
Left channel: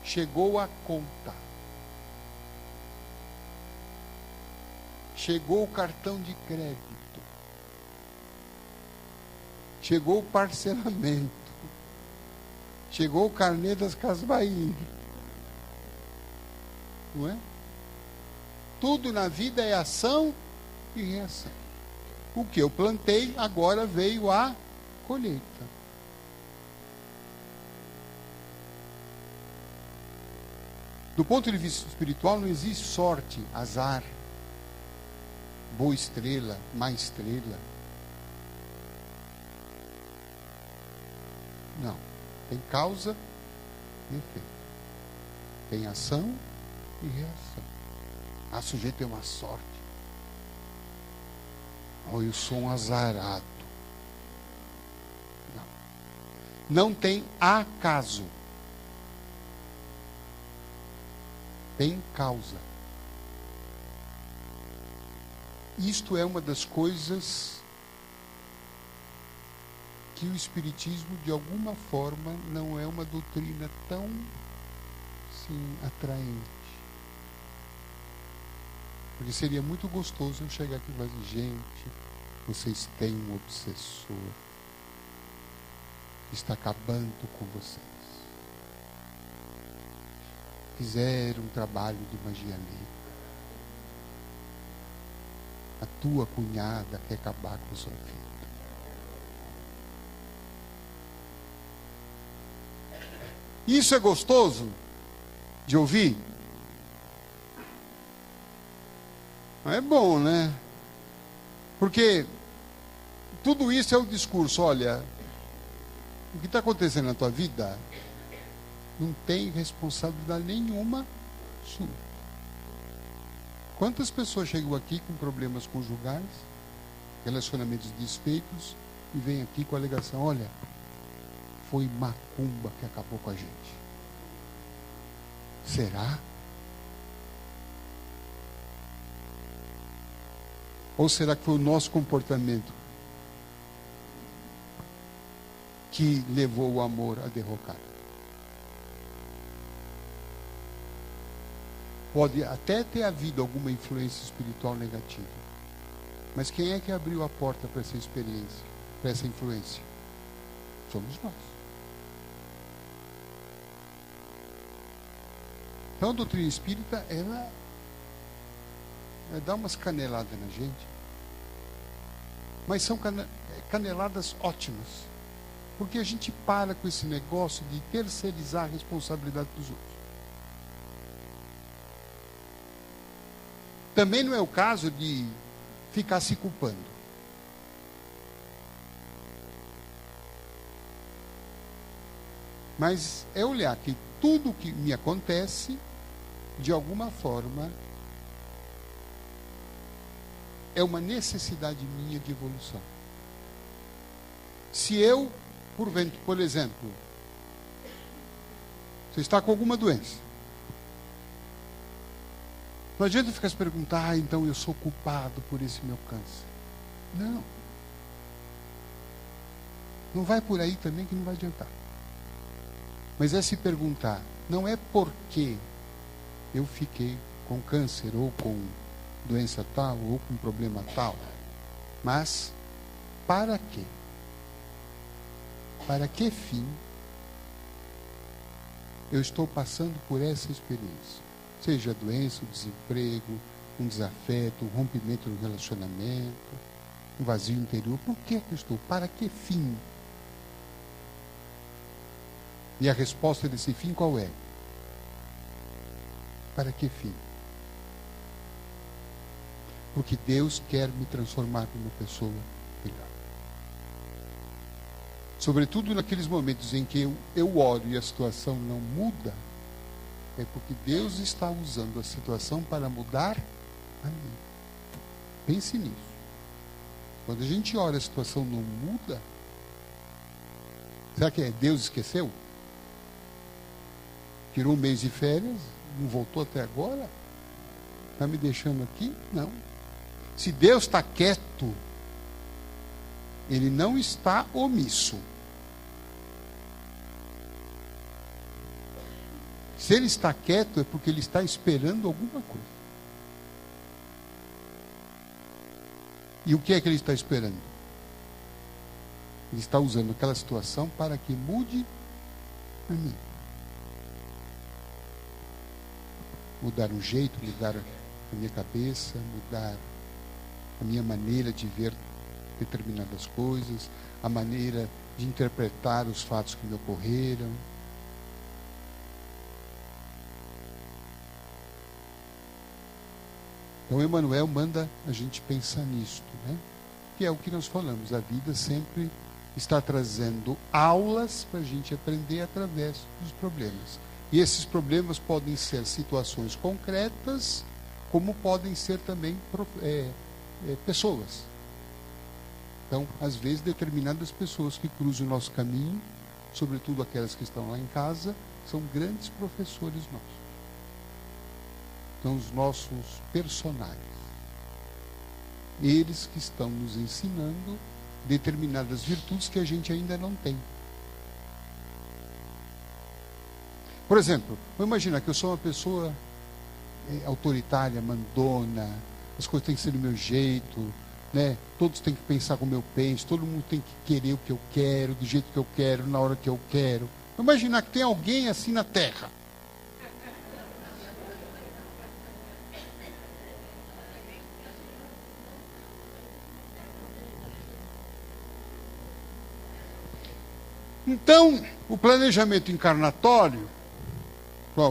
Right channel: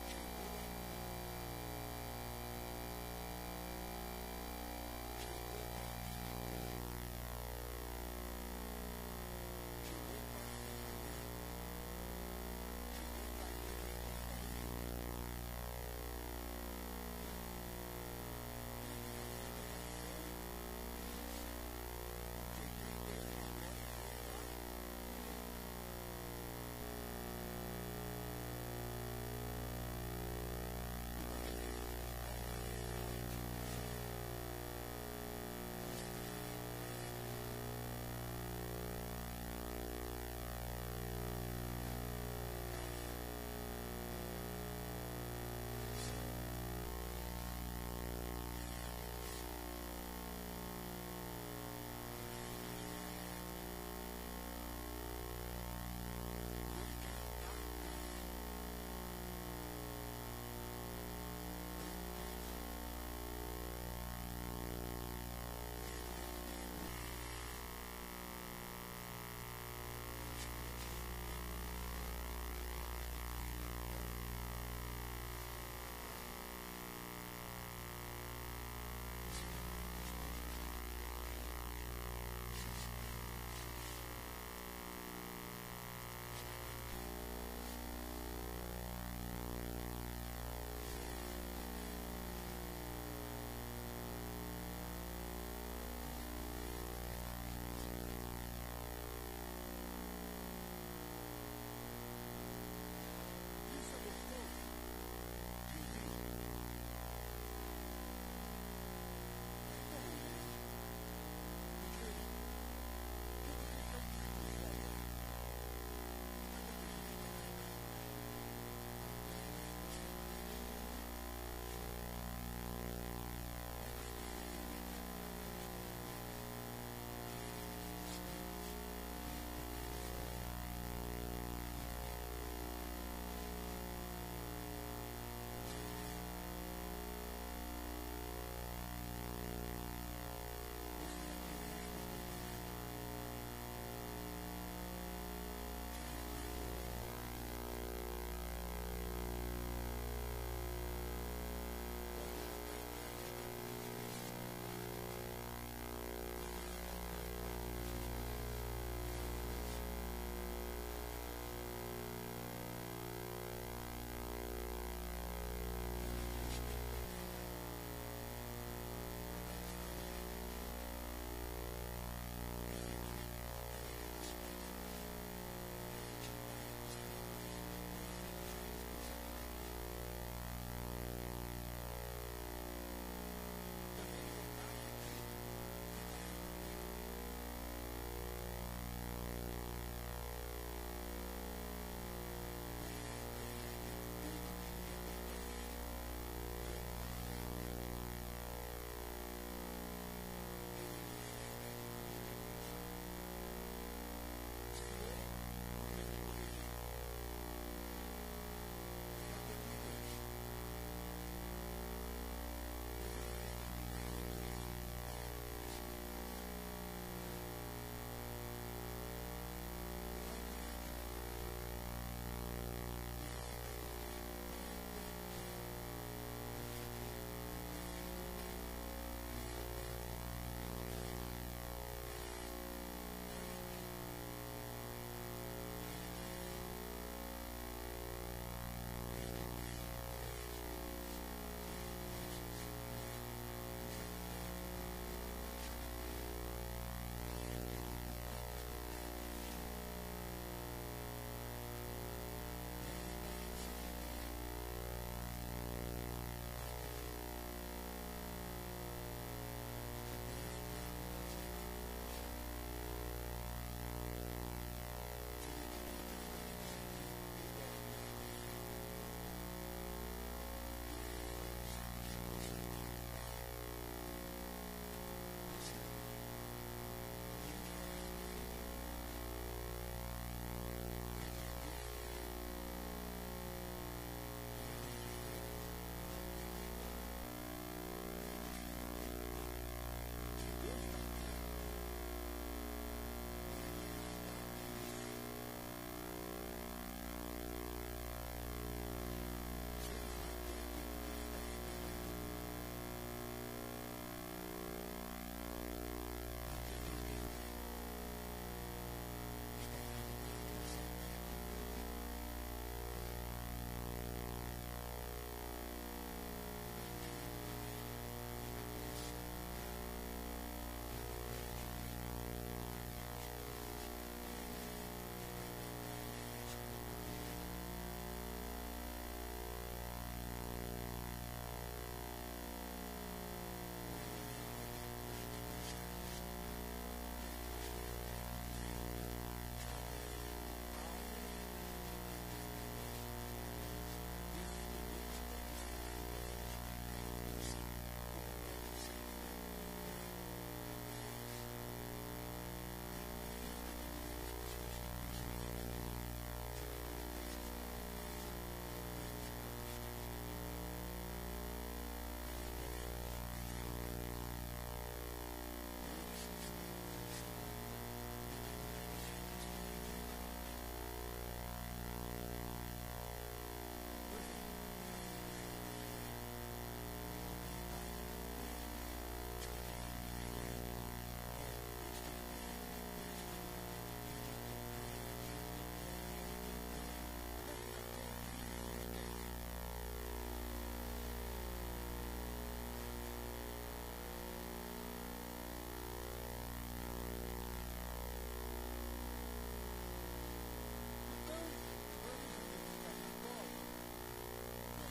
chegou a conta. Chegou o cartão de crédito. Chegou o parcelamento. Chegou o carnê das Casas Bahia. Não é? Tudo na vida é ação e reação. O que eu plantei, agora veio a colheita. Do ponto de vista espiritual, não existe sorte, azar, boa estrela, má estrela. Não. Tem causa e efeito. Tem ação e reação. A sujeito tem uma sorte. Ou eu sou um azarado. Não tem acaso. tem causa. Isto é uma das coisas que o Espiritismo, de alguma forma, não é uma doutrina tão, sim, atraente. Porque seria muito gostoso eu chegar aqui e dizer, gente, vocês têm um obsessor que está acabando com vocês. Fizeram um trabalho de magia negra. A tua cunhada quer acabar com o seu filho. Isso é gostoso de ouvir? É bom, né? Porque tudo isso é o discurso. Olha, o que está acontecendo na tua vida não tem responsabilidade nenhuma sua. Quantas pessoas chegam aqui com problemas conjugais, relacionamentos desfeitos, e vêm aqui com a alegação, olha, foi macumba que acabou com a gente. Será? Ou será que foi o nosso comportamento que levou o amor a derrocar? Pode até ter havido alguma influência espiritual negativa. Mas quem é que abriu a porta para essa experiência, para essa influência? Somos nós. Então a doutrina espírita, ela vai dar umas caneladas na gente. Mas são caneladas ótimas. Porque a gente para com esse negócio de terceirizar a responsabilidade dos outros. Também não é o caso de ficar se culpando. Mas é olhar que tudo que me acontece, de alguma forma, é uma necessidade minha de evolução. Se eu, por exemplo, você está com alguma doença, não adianta ficar se perguntar, então eu sou culpado por esse meu câncer. Não. Não vai por aí também que não vai adiantar. Mas é se perguntar, não é porque eu fiquei com câncer ou com doença tal ou com problema tal, mas para quê? Para que fim eu estou passando por essa experiência? Seja doença, desemprego, um desafeto, um rompimento no relacionamento, um vazio interior. Por que eu estou? Para que fim? E a resposta desse fim qual é? Para que fim? Porque Deus quer me transformar numa pessoa melhor. Sobretudo naqueles momentos em que eu oro e a situação não muda, é porque Deus está usando a situação para mudar a mim. Pense nisso. Quando a gente ora e a situação não muda, será que Deus esqueceu? Tirou um mês de férias, não voltou até agora? Está me deixando aqui? Não. Se Deus está quieto, Ele não está omisso. Se Ele está quieto, é porque Ele está esperando alguma coisa. E o que é que Ele está esperando? Ele está usando aquela situação para que mude a mim. Mudar o jeito, mudar a minha cabeça, mudar a minha maneira de ver determinadas coisas, a maneira de interpretar os fatos que me ocorreram. Então, Emmanuel manda a gente pensar nisso, né? Que é o que nós falamos. A vida sempre está trazendo aulas para a gente aprender através dos problemas. E esses problemas podem ser situações concretas, como podem ser também pessoas. Então, às vezes, determinadas pessoas que cruzam o nosso caminho, sobretudo aquelas que estão lá em casa, são grandes professores nossos. são os nossos personagens. Eles que estão nos ensinando determinadas virtudes que a gente ainda não tem. Por exemplo, vamos imaginar que eu sou uma pessoa autoritária, mandona, as coisas têm que ser do meu jeito, né? Todos têm que pensar como eu penso, todo mundo tem que querer o que eu quero, do jeito que eu quero, na hora que eu quero. Vamos imaginar que tem alguém assim na Terra. Então, o planejamento encarnatório,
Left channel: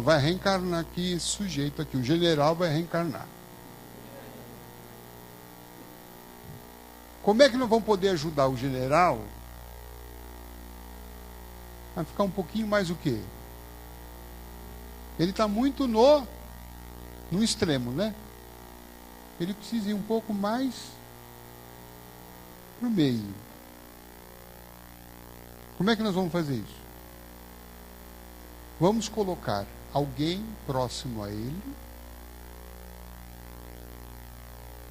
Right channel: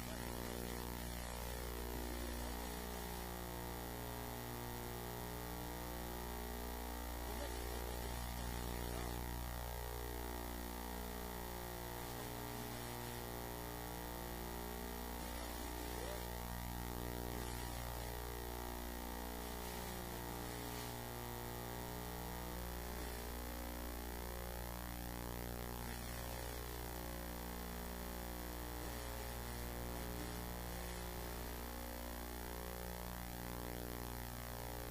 vai reencarnar aqui esse sujeito aqui, o general vai reencarnar. Como é que nós vamos poder ajudar o general a ficar um pouquinho mais o quê? Ele está muito no extremo, né? Ele precisa ir um pouco mais para o meio. Como é que nós vamos fazer isso? Vamos colocar alguém próximo a ele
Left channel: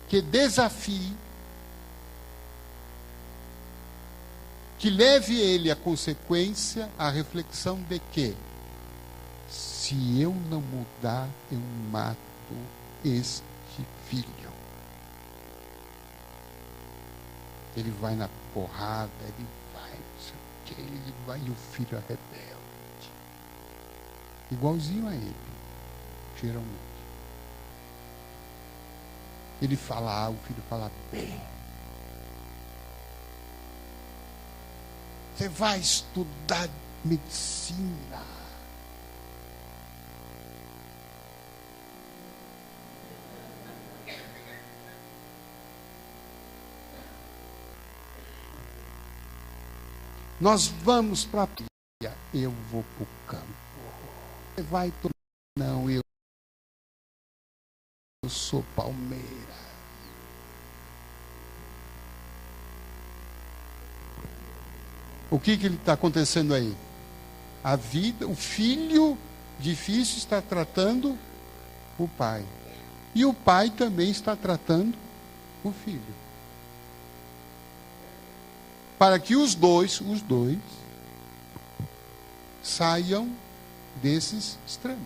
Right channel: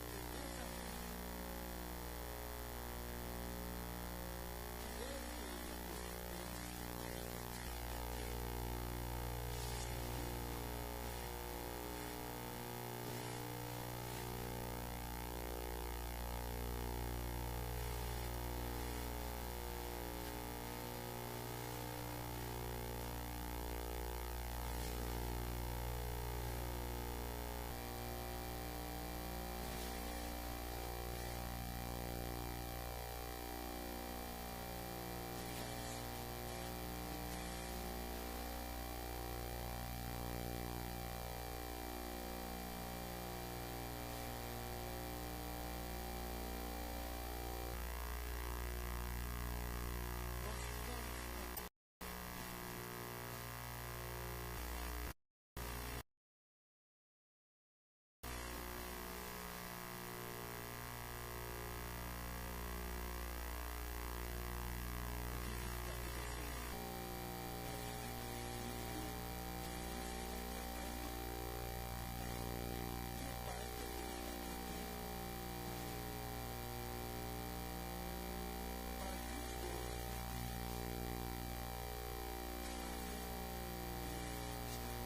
que desafie, que leve ele à consequência, à reflexão de que se eu não mudar, eu mato este filho. Ele vai na porrada, ele vai e o filho é rebelde. Igualzinho a ele, geralmente. Ele fala A, o filho fala B. Você vai estudar medicina. Nós vamos para a praia. Eu vou para o campo. Você vai para o... Não, eu sou Palmeiras. O que está acontecendo aí? A vida, o filho difícil está tratando o pai. E o pai também está tratando o filho. Para que os dois saiam desses extremos.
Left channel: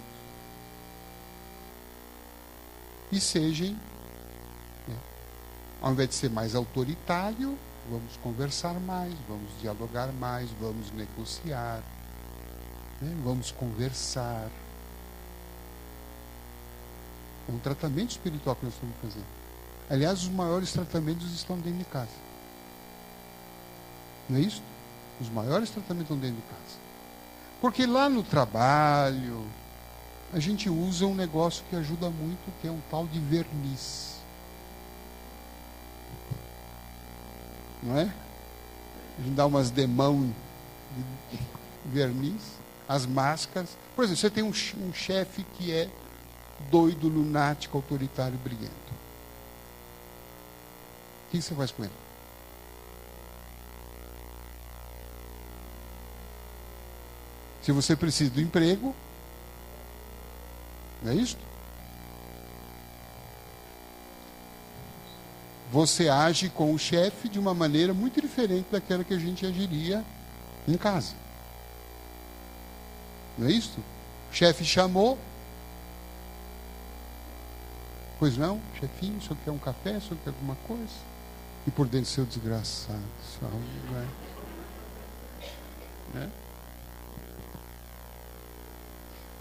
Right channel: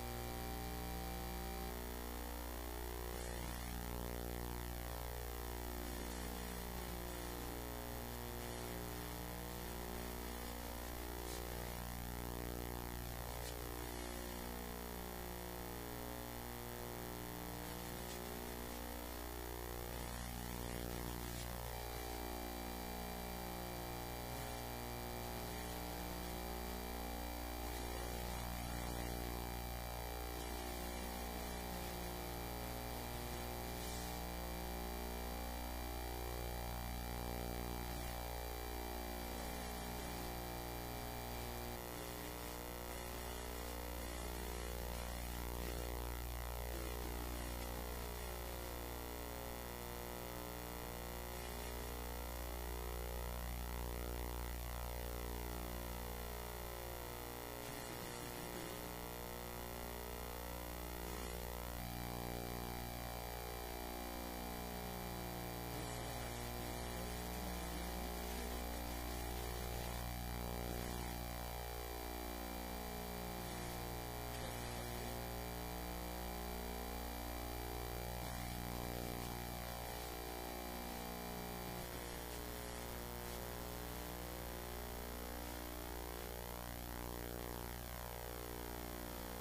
E sejam, ao invés de ser mais autoritário, vamos conversar mais, vamos dialogar mais, vamos negociar, né? Vamos conversar. O tratamento espiritual que nós vamos fazer. Aliás, os maiores tratamentos estão dentro de casa. Não é isso? Os maiores tratamentos estão dentro de casa. Porque lá no trabalho, a gente usa um negócio que ajuda muito, que é um tal de verniz. Não é? A gente dá umas demãos de verniz, as máscaras. Por exemplo, você tem um chefe que é doido, lunático, autoritário, briguento. O que você faz com ele? Se você precisa do emprego, não é isso? Você age com o chefe de uma maneira muito diferente daquela que a gente agiria em casa. Não é isso? O chefe chamou. Pois não, chefinho, o senhor quer um café, o senhor quer alguma coisa? E por dentro seu desgraçado. Né?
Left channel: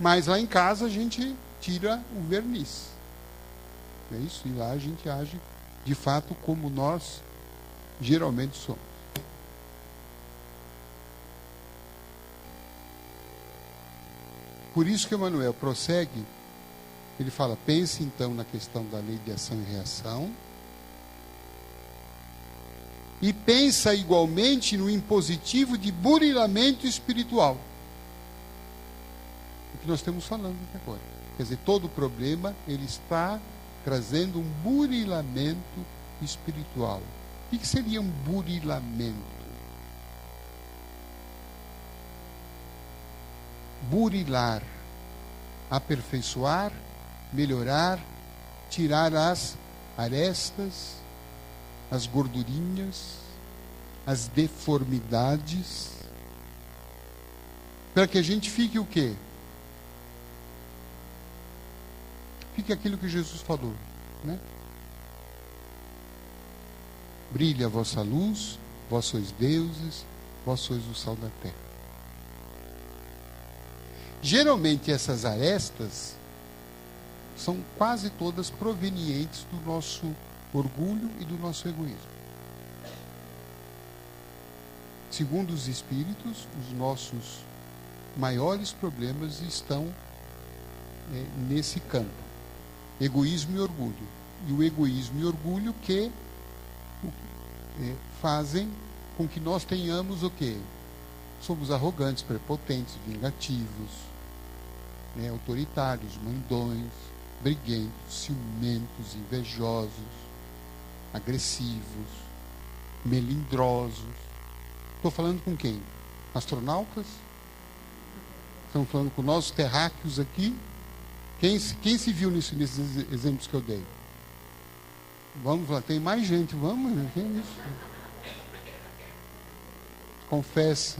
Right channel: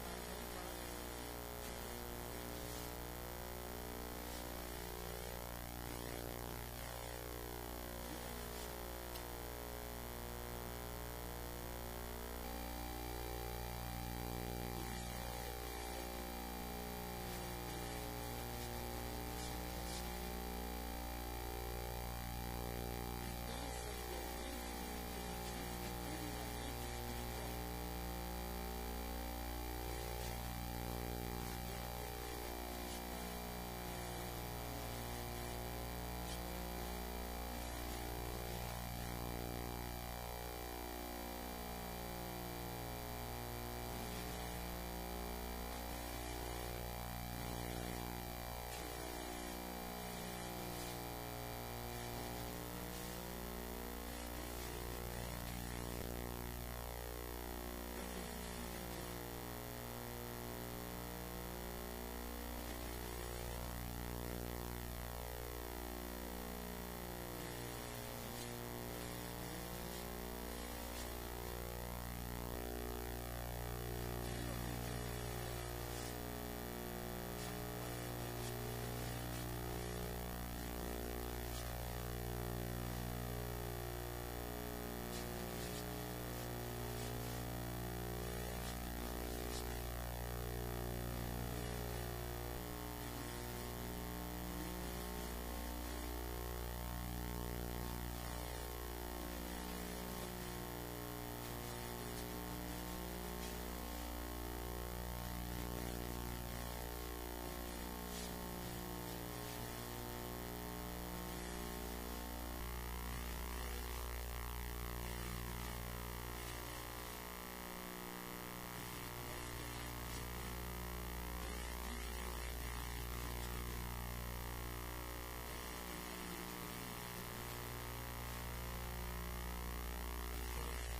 Mas lá em casa a gente tira o verniz. É isso? E lá a gente age de fato como nós geralmente somos. Por isso que Emmanuel prossegue, ele fala, pense então na questão da lei de ação e reação, e pensa igualmente no impositivo de burilamento espiritual. O que nós estamos falando até agora. Quer dizer, todo problema, ele está trazendo um burilamento espiritual. O que seria um burilamento? Burilar, aperfeiçoar, melhorar, tirar as arestas, as gordurinhas, as deformidades, para que a gente fique o quê? Fique aquilo que Jesus falou, né? Brilhe a vossa luz, vós sois deuses, vós sois o sal da terra. Geralmente essas arestas são quase todas provenientes do nosso orgulho e do nosso egoísmo. Segundo os Espíritos, os nossos maiores problemas estão nesse campo: egoísmo e orgulho. E o egoísmo e orgulho que fazem com que nós tenhamos o quê? Somos arrogantes, prepotentes, vingativos, autoritários, mandões, briguentos, ciumentos, invejosos, agressivos, melindrosos. Estou falando com quem? Astronautas? Estamos falando com nossos terráqueos aqui? Quem se viu nesses exemplos que eu dei? Vamos lá, tem mais gente, vamos, tem isso. Confessa.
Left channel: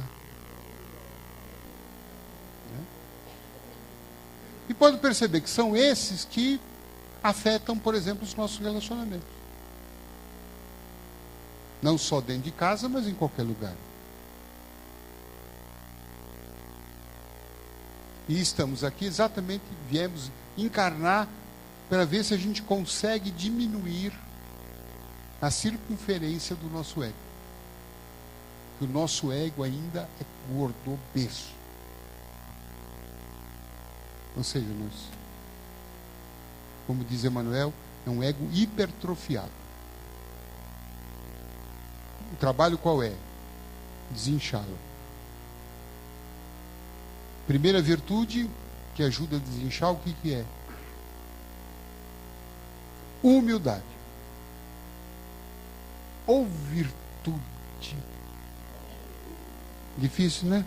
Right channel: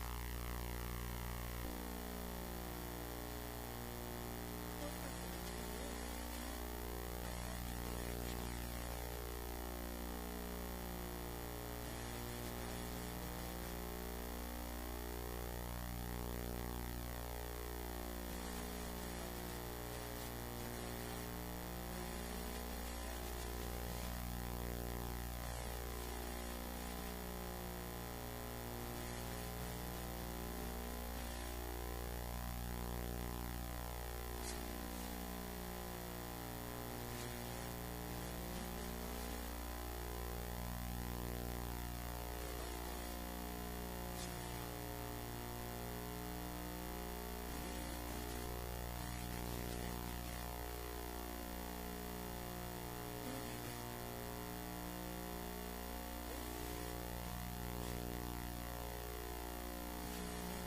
E pode perceber que são esses que afetam, por exemplo, os nossos relacionamentos. Não só dentro de casa, mas em qualquer lugar. E estamos aqui exatamente, viemos encarnar para ver se a gente consegue diminuir a circunferência do nosso ego. O nosso ego ainda é gordo, obeso. Ou seja, como diz Emmanuel, é um ego hipertrofiado. O trabalho qual é? Desinchá-lo. Primeira virtude que ajuda a desinchar, o que é? Humildade. Ou virtude. Difícil, né?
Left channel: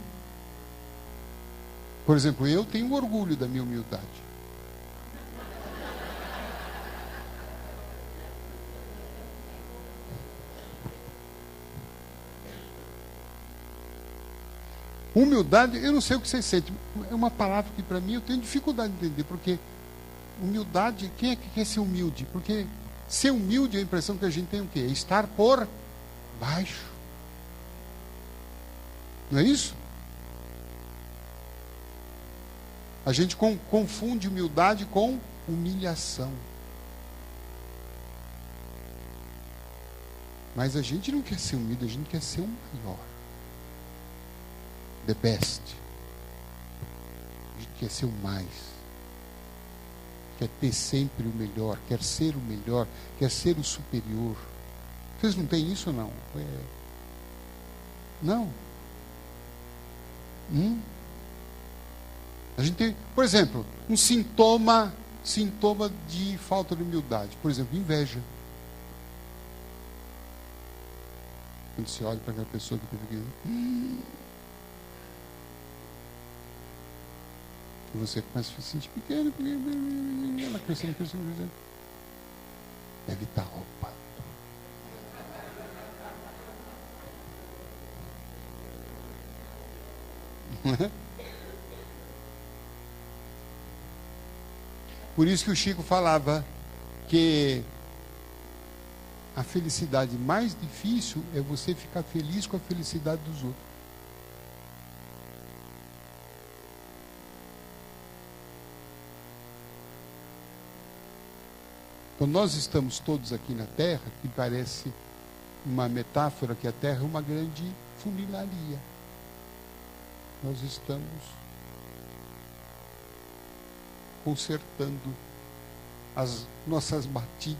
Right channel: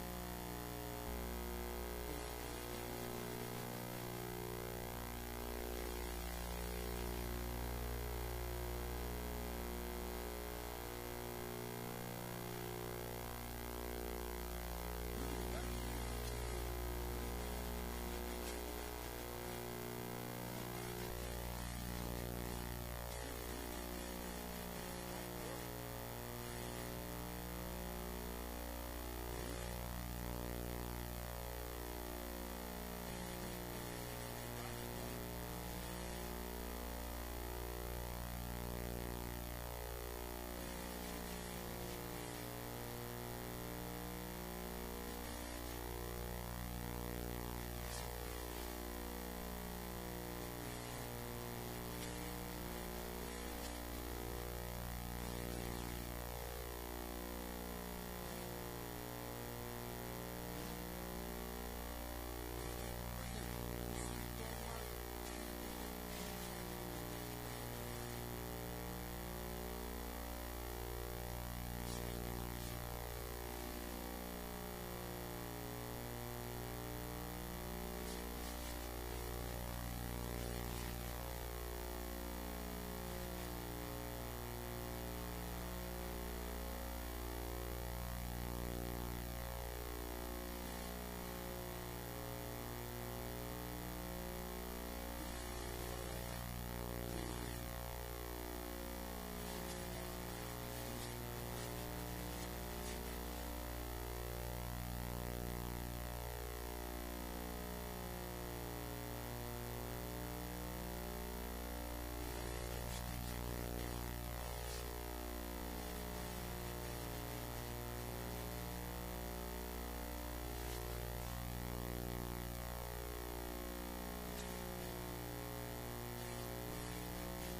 Por exemplo, eu tenho orgulho da minha humildade. Humildade, eu não sei o que vocês sentem. É uma palavra que para mim eu tenho dificuldade de entender, porque humildade, quem é que quer ser humilde? Porque ser humilde, a impressão que a gente tem o quê? É estar por baixo. Não é isso? A gente confunde humildade com humilhação. Mas a gente não quer ser humilde, a gente quer ser melhor. The best. A gente quer ser o mais. Quer ter sempre o melhor, quer ser o melhor, quer ser o superior. Vocês não têm isso, não? Não. A gente tem, por exemplo, um sintoma de falta de humildade. Por exemplo, inveja. Quando você olha para aquela pessoa que fica e você começa a se sentir pequeno, ela crescendo, deve estar roupa. Por isso que o Chico falava que a felicidade mais difícil é você ficar feliz com a felicidade dos outros. Quando nós estamos todos aqui na Terra, que parece uma metáfora que a Terra é uma grande funilaria. Nós estamos consertando as nossas batidas,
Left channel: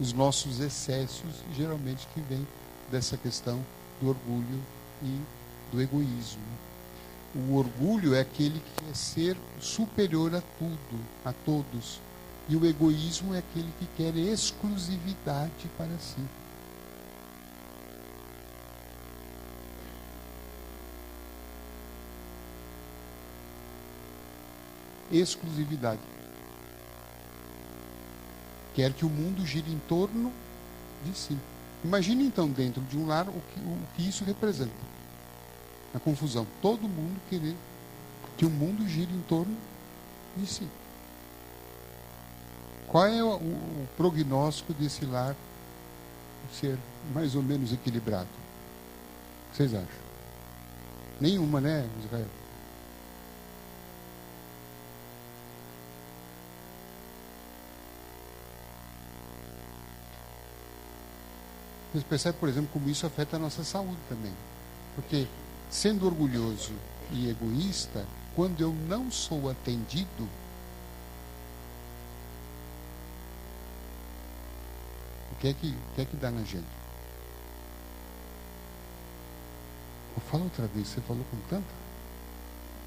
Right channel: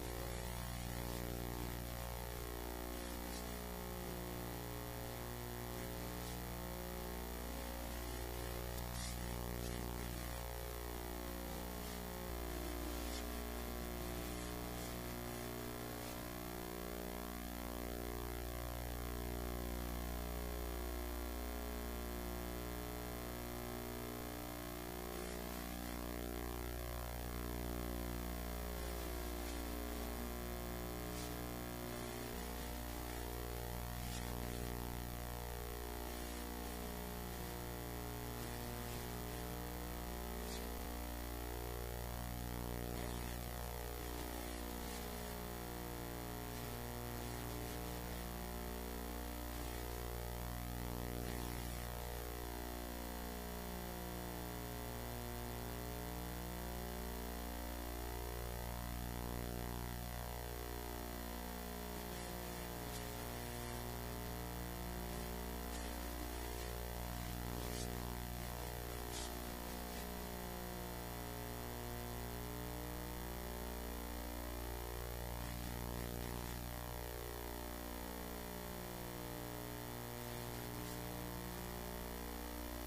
os nossos excessos, geralmente que vem dessa questão do orgulho e do egoísmo. O orgulho é aquele que quer ser superior a tudo, a todos. E o egoísmo é aquele que quer exclusividade para si. Exclusividade. quer que o mundo gire em torno de si. Imagine então dentro de um lar o que isso representa. A confusão. Todo mundo querer que o mundo gire em torno de si. Qual é o prognóstico desse lar ser mais ou menos equilibrado? Vocês acham? Nenhuma, né, Israel? Você percebe, por exemplo, como isso afeta a nossa saúde também. Porque, sendo orgulhoso e egoísta, quando eu não sou atendido, o que é que dá na gente? Eu falo outra vez, você falou com tanto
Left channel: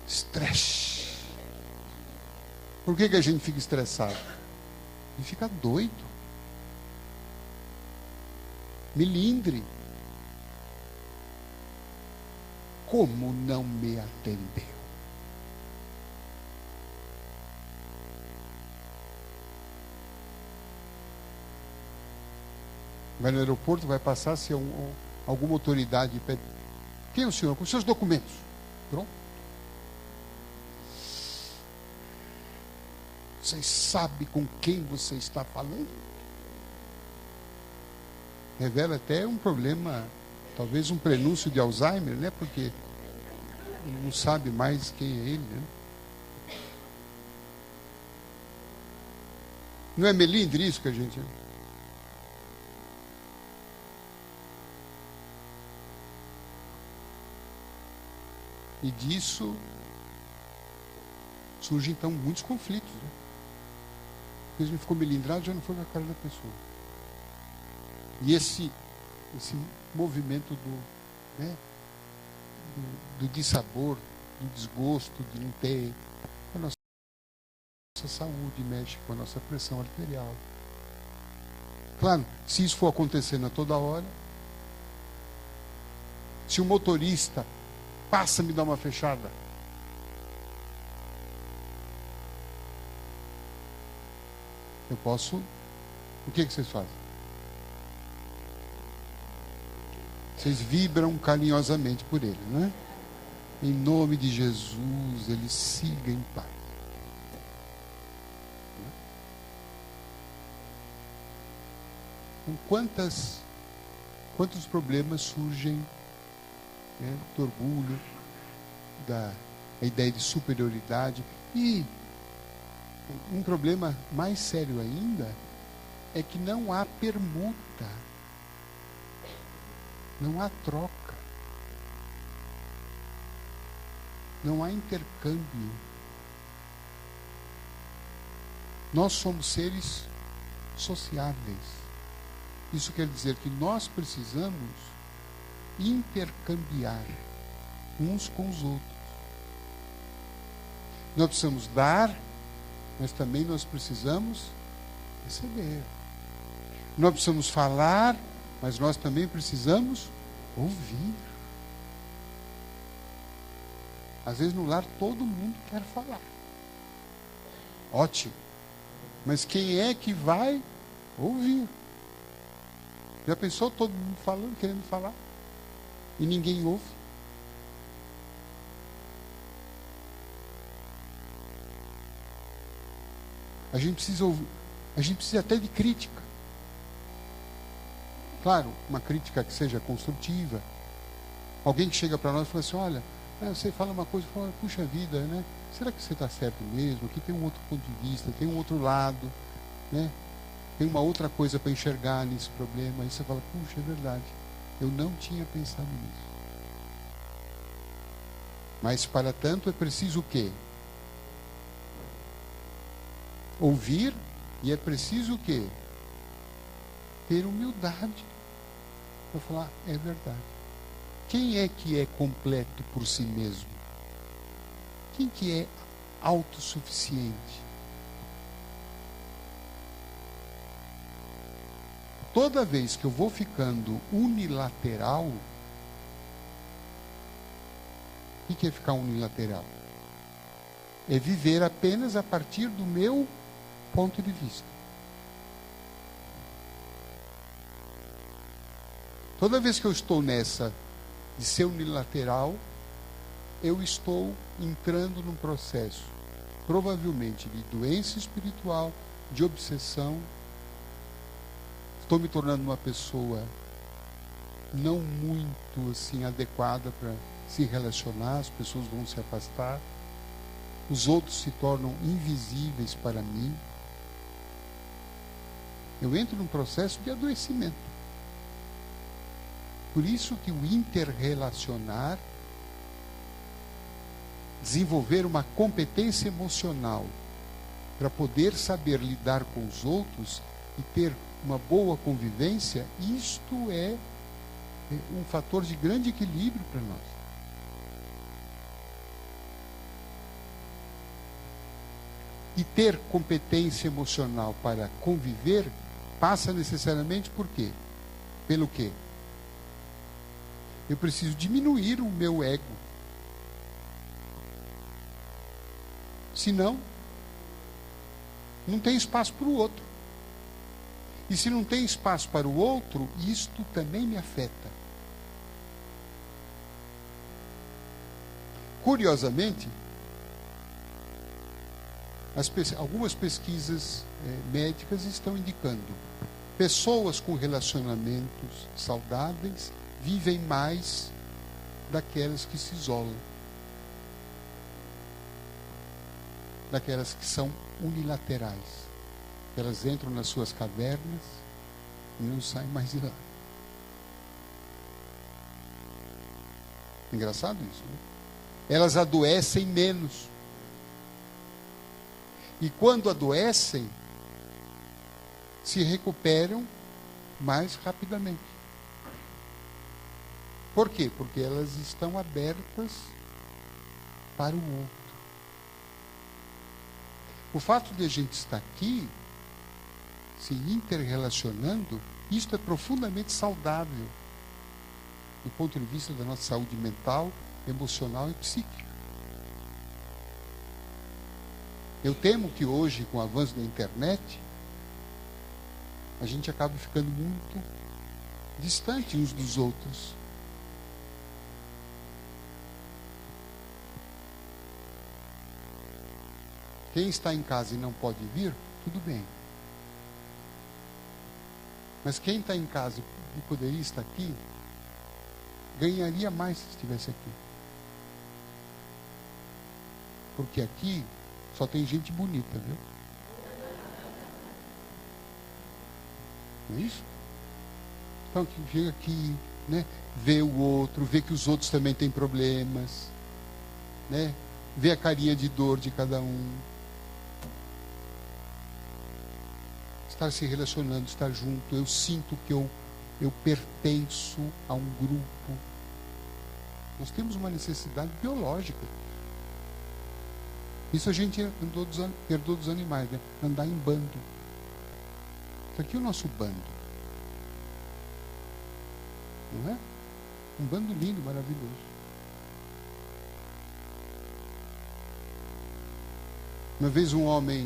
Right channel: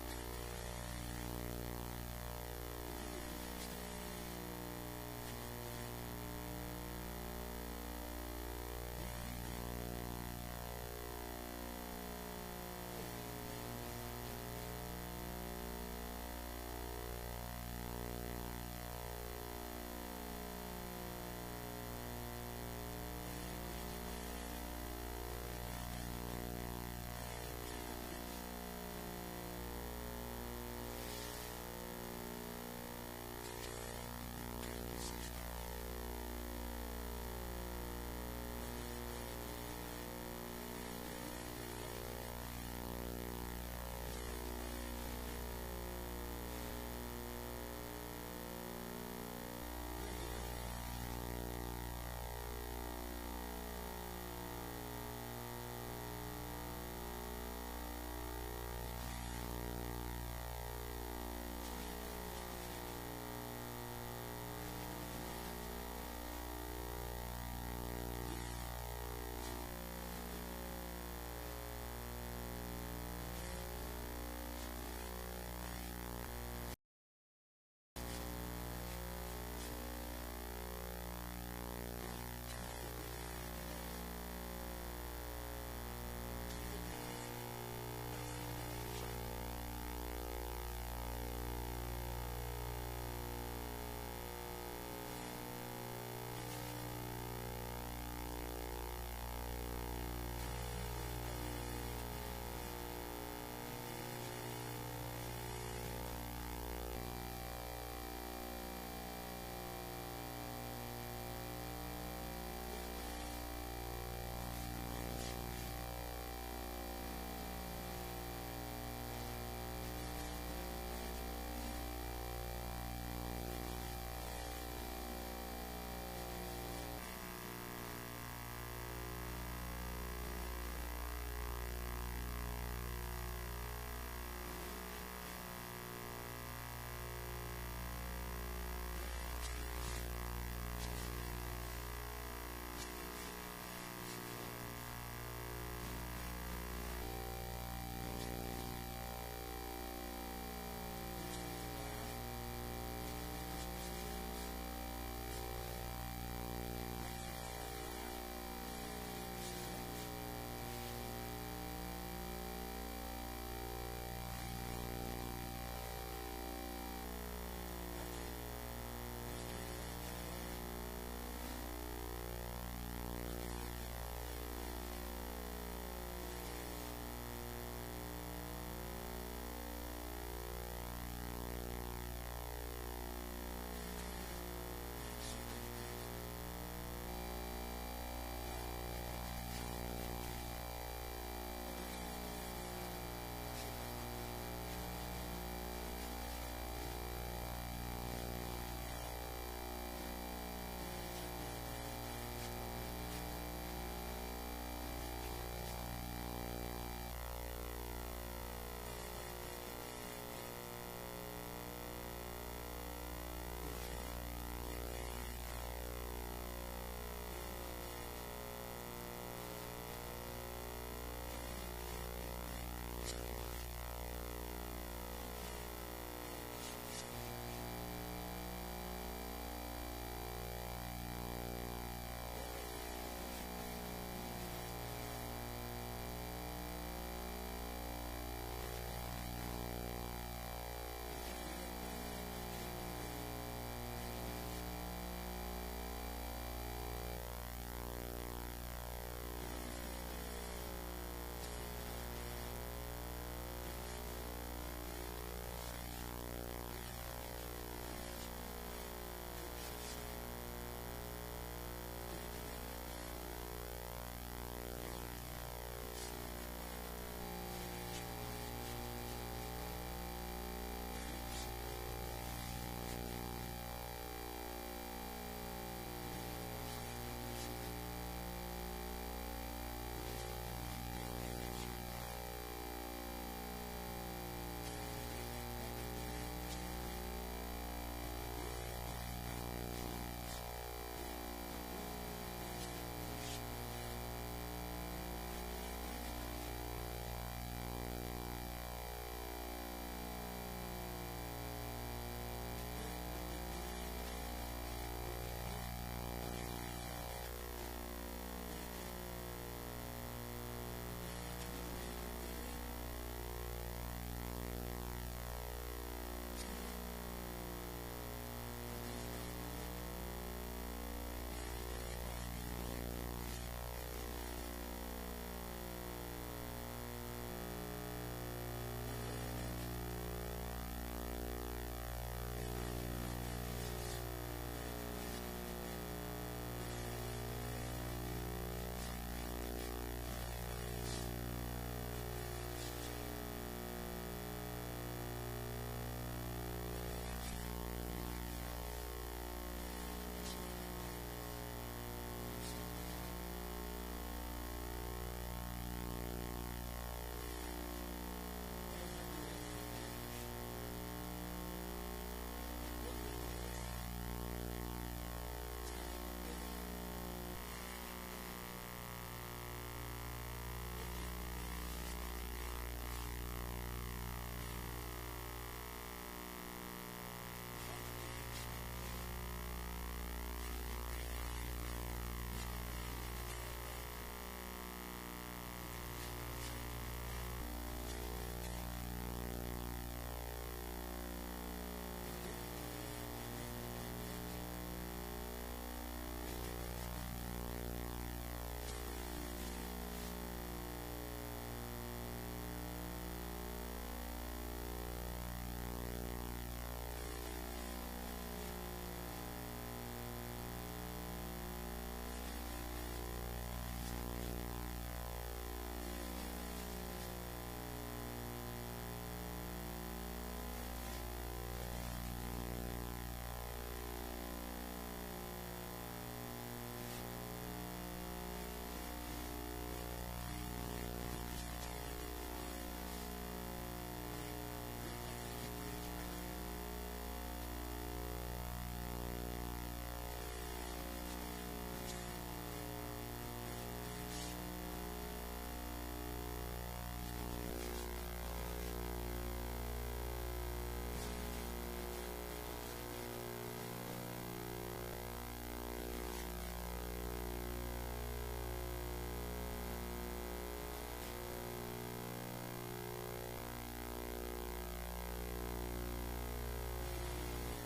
estresse. Por que a gente fica estressado? A gente fica doido. Melindre. Como não me atender? Vai no aeroporto, vai passar se alguma autoridade pede. Quem é o senhor? Com os seus documentos. Pronto. Você sabe com quem você está falando? Revela até um problema, talvez um prenúncio de Alzheimer, né? Porque não sabe mais quem é ele, né? Não é melindre isso que a gente... E disso surgem então muitos conflitos. Né? Porque não ficou melindrado, já não foi na cara da pessoa. E esse movimento do dissabor, do desgosto, de não ter, a nossa saúde mexe com a nossa pressão arterial. Claro, se isso for acontecendo a toda hora, se o motorista passa a me dar uma fechada, eu posso... O que vocês fazem? Vocês vibram carinhosamente por ele, não é? Em nome de Jesus, ele siga em paz. Quantos problemas surgem, né, do orgulho, da ideia de superioridade. E um problema mais sério ainda é que não há permuta, não há troca, não há intercâmbio. Nós somos seres sociáveis. Isso quer dizer que nós precisamos intercambiar uns com os outros. Nós precisamos dar, mas também nós precisamos receber. Nós precisamos falar, mas nós também precisamos ouvir. Às vezes no lar todo mundo quer falar. Ótimo. Mas quem é que vai ouvir? Já pensou todo mundo falando, querendo falar? E ninguém ouve? A gente precisa ouvir. A gente precisa até de crítica. Claro, uma crítica que seja construtiva. Alguém que chega para nós e fala assim, olha, você fala uma coisa, fala, puxa vida, né? Será que você está certo mesmo? Aqui tem um outro ponto de vista, tem um outro lado, né? Tem uma outra coisa para enxergar nesse problema. Aí você fala, puxa, é verdade. Eu não tinha pensado nisso. Mas para tanto é preciso o quê? Ouvir, e é preciso o quê? Ter humildade para falar, é verdade. Quem é que é completo por si mesmo? Quem que é autossuficiente? Toda vez que eu vou ficando unilateral, o que é ficar unilateral? É viver apenas a partir do meu ponto de vista. Toda vez que eu estou nessa de ser unilateral, eu estou entrando num processo, provavelmente, de doença espiritual, de obsessão. Estou me tornando uma pessoa não muito assim adequada para se relacionar, as pessoas vão se afastar, os outros se tornam invisíveis para mim. Eu entro num processo de adoecimento. Por isso que o interrelacionar, desenvolver uma competência emocional para poder saber lidar com os outros e ter uma boa convivência, isto é um fator de grande equilíbrio para nós. E ter competência emocional para conviver passa necessariamente por quê? Pelo quê? Eu preciso diminuir o meu ego. Senão, não tem espaço para o outro. E se não tem espaço para o outro, isto também me afeta. Curiosamente, algumas pesquisas médicas estão indicando pessoas com relacionamentos saudáveis vivem mais daquelas que se isolam, daquelas que são unilaterais. Elas entram nas suas cavernas e não saem mais de lá. Engraçado isso, né? Elas adoecem menos. E quando adoecem, se recuperam mais rapidamente. Por quê? Porque elas estão abertas para o outro. O fato de a gente estar aqui, se interrelacionando, isto é profundamente saudável do ponto de vista da nossa saúde mental, emocional e psíquica. Eu temo que hoje, com o avanço da internet, a gente acaba ficando muito distante uns dos outros. Quem está em casa e não pode vir, tudo bem. Mas quem está em casa e poderia estar aqui, ganharia mais se estivesse aqui. Porque aqui só tem gente bonita, né? Não é isso? Então, que vê aqui, né? Vê o outro, vê que os outros também têm problemas, né? Vê a carinha de dor de cada um. Estar se relacionando, estar junto, eu sinto que eu pertenço a um grupo. Nós temos uma necessidade biológica. Isso a gente herdou dos animais, né? Andar em bando. Isso aqui é o nosso bando. Não é? Um bando lindo, maravilhoso. Uma vez um homem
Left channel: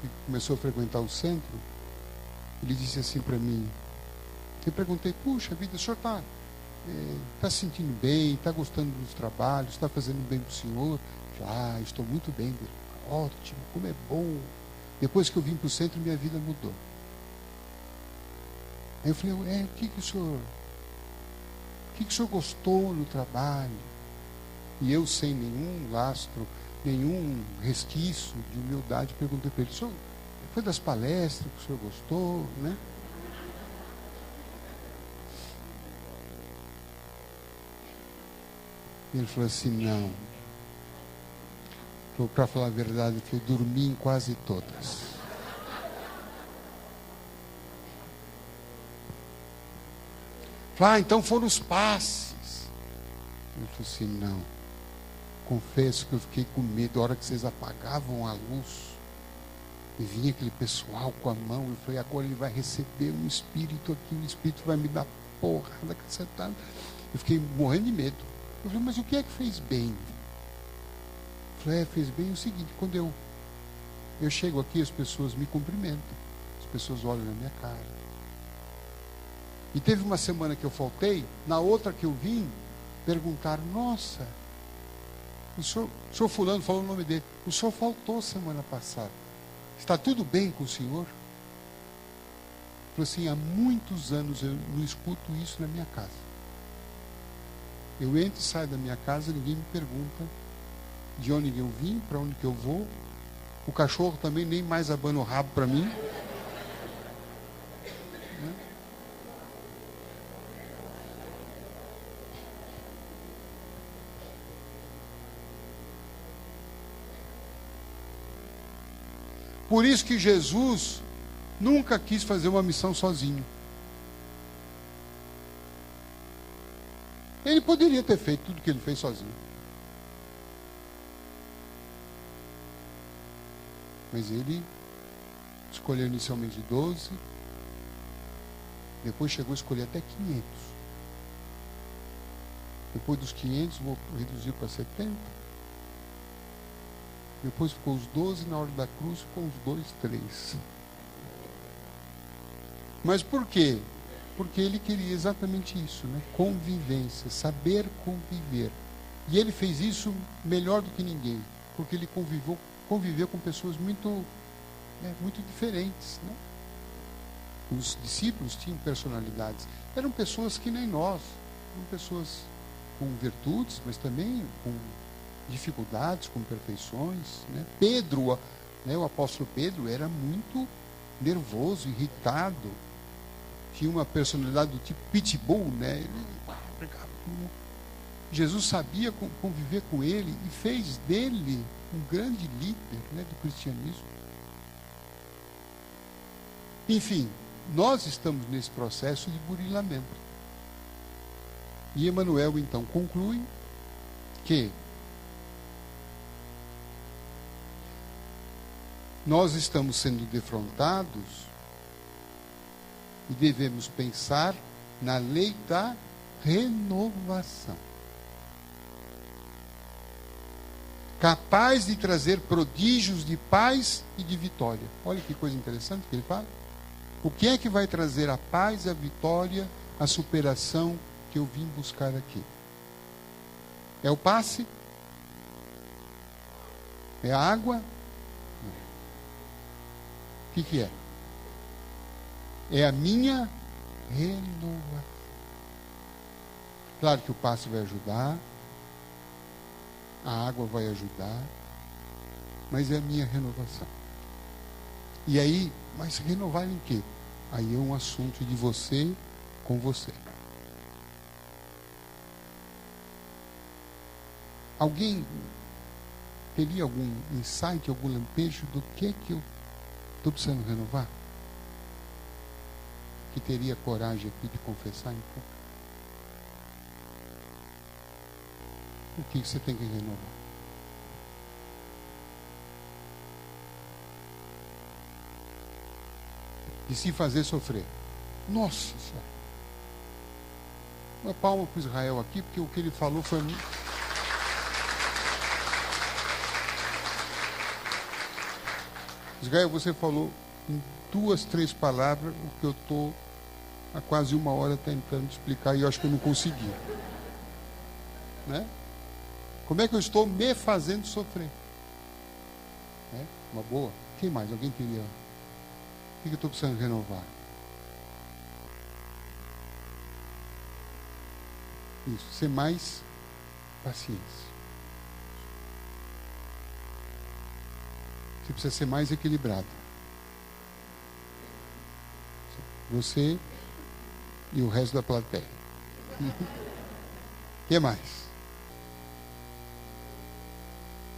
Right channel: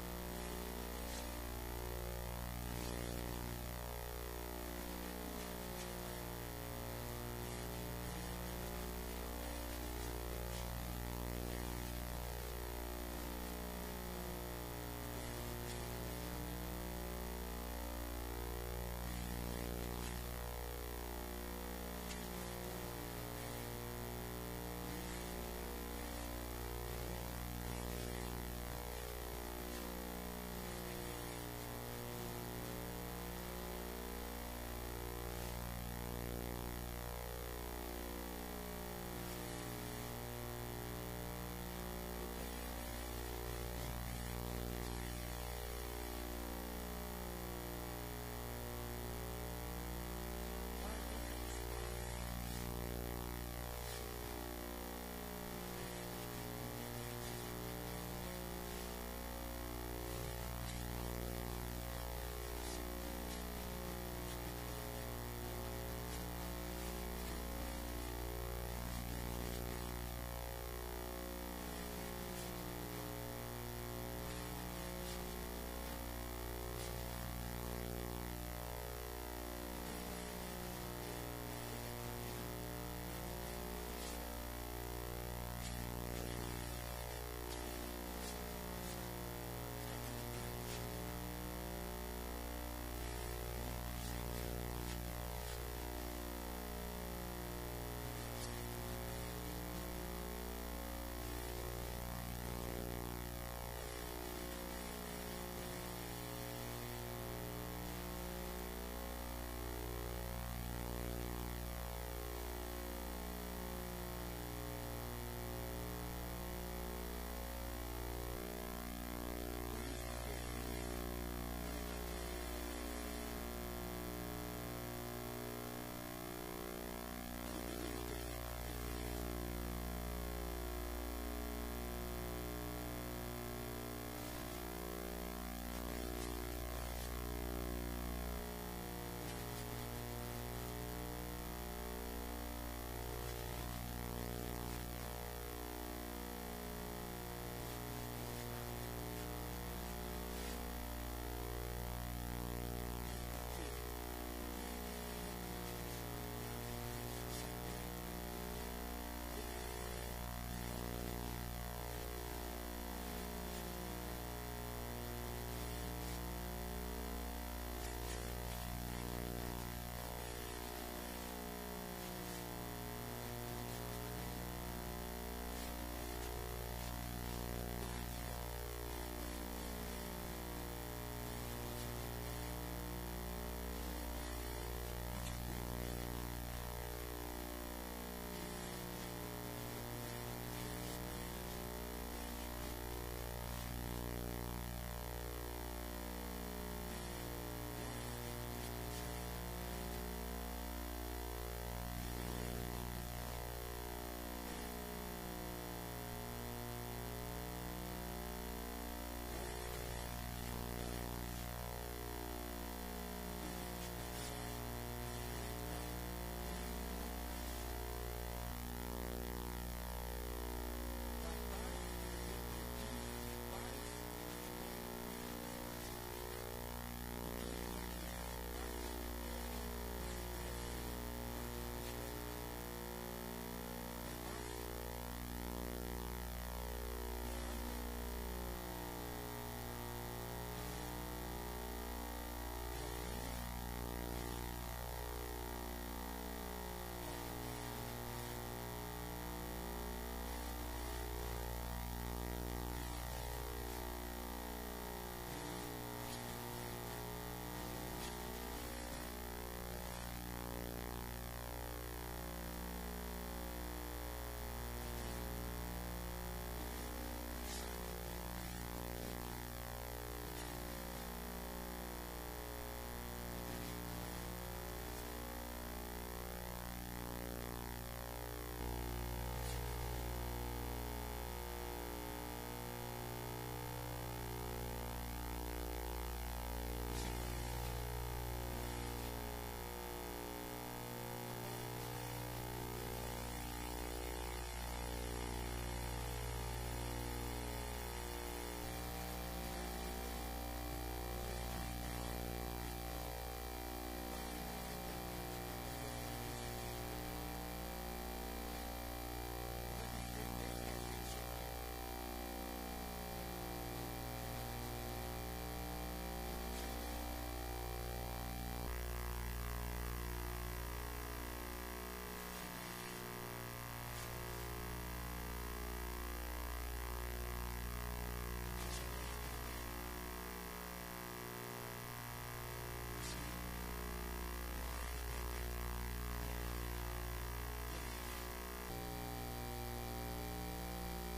que começou a frequentar o centro, ele disse assim para mim, eu perguntei, puxa vida, o senhor está se sentindo bem, está gostando dos trabalhos, está fazendo bem para o senhor? Ah, estou muito bem, ótimo, como é bom. Depois que eu vim para o centro, minha vida mudou. Aí eu falei, o que o senhor gostou no trabalho? E eu, sem nenhum lastro, nenhum resquício de humildade, perguntei para ele, senhor, foi das palestras que o senhor gostou, né? Ele falou assim, não. Para falar a verdade, que eu dormi em quase todas. Então foram os passes. Eu falei assim, não. Confesso que eu fiquei com medo. A hora que vocês apagavam a luz, e vinha aquele pessoal com a mão, e falei, agora ele vai receber um espírito aqui, o espírito vai me dar porrada. Eu fiquei morrendo de medo. Eu falei, mas o que é que fez bem? Fez bem o seguinte, quando eu chego aqui, as pessoas me cumprimentam, as pessoas olham na minha cara. E teve uma semana que eu faltei, na outra que eu vim, perguntaram, nossa, o senhor fulano, falou o nome dele, o senhor faltou semana passada. Está tudo bem com o senhor? Eu falei assim, há muitos anos eu não escuto isso na minha casa. Eu entro e saio da minha casa e ninguém me pergunta de onde eu vim, para onde que eu vou. O cachorro também nem mais abana o rabo para mim. Por isso que Jesus nunca quis fazer uma missão sozinho. Ele poderia ter feito tudo que ele fez sozinho. Mas ele escolheu inicialmente 12, depois chegou a escolher até 500. Depois dos 500, vou reduzir para 70. Depois ficou os 12 na hora da cruz, ficou os 2, 3. Mas por quê? Porque ele queria exatamente isso, né? Convivência, saber conviver. E ele fez isso melhor do que ninguém, porque ele conviveu com pessoas muito diferentes. Né? Os discípulos tinham personalidades, eram pessoas que nem nós, eram pessoas com virtudes, mas também com dificuldades, com perfeições. Né? Pedro, o apóstolo Pedro, era muito nervoso, irritado, tinha uma personalidade do tipo pitbull, né? Jesus sabia conviver com ele e fez dele um grande líder, né, do cristianismo. Enfim, nós estamos nesse processo de burilamento. E Emmanuel então conclui que nós estamos sendo defrontados e devemos pensar na lei da renovação, capaz de trazer prodígios de paz e de vitória. Olha que coisa interessante que ele fala. O que é que vai trazer a paz, a vitória, a superação que eu vim buscar aqui? É o passe? É a água? O que é? É a minha renovação. Claro que o passe vai ajudar, a água vai ajudar, mas é a minha renovação. E aí, mas renovar em quê? Aí é um assunto de você com você. Alguém teria algum insight, algum lampejo do que eu estou precisando renovar? Que teria coragem aqui de confessar então? O que você tem que renovar? E se fazer sofrer? Nossa Senhora! Uma palma para Israel aqui, porque o que ele falou foi muito. Israel, você falou em 2, 3 palavras o que eu estou há quase 1 hora tentando explicar e eu acho que eu não consegui. Né? Como é que eu estou me fazendo sofrer? Né? Uma boa? Quem mais? Alguém teria? O que eu estou precisando renovar? Isso, ser mais paciência. Você precisa ser mais equilibrado. Você e o resto da plateia. O que mais?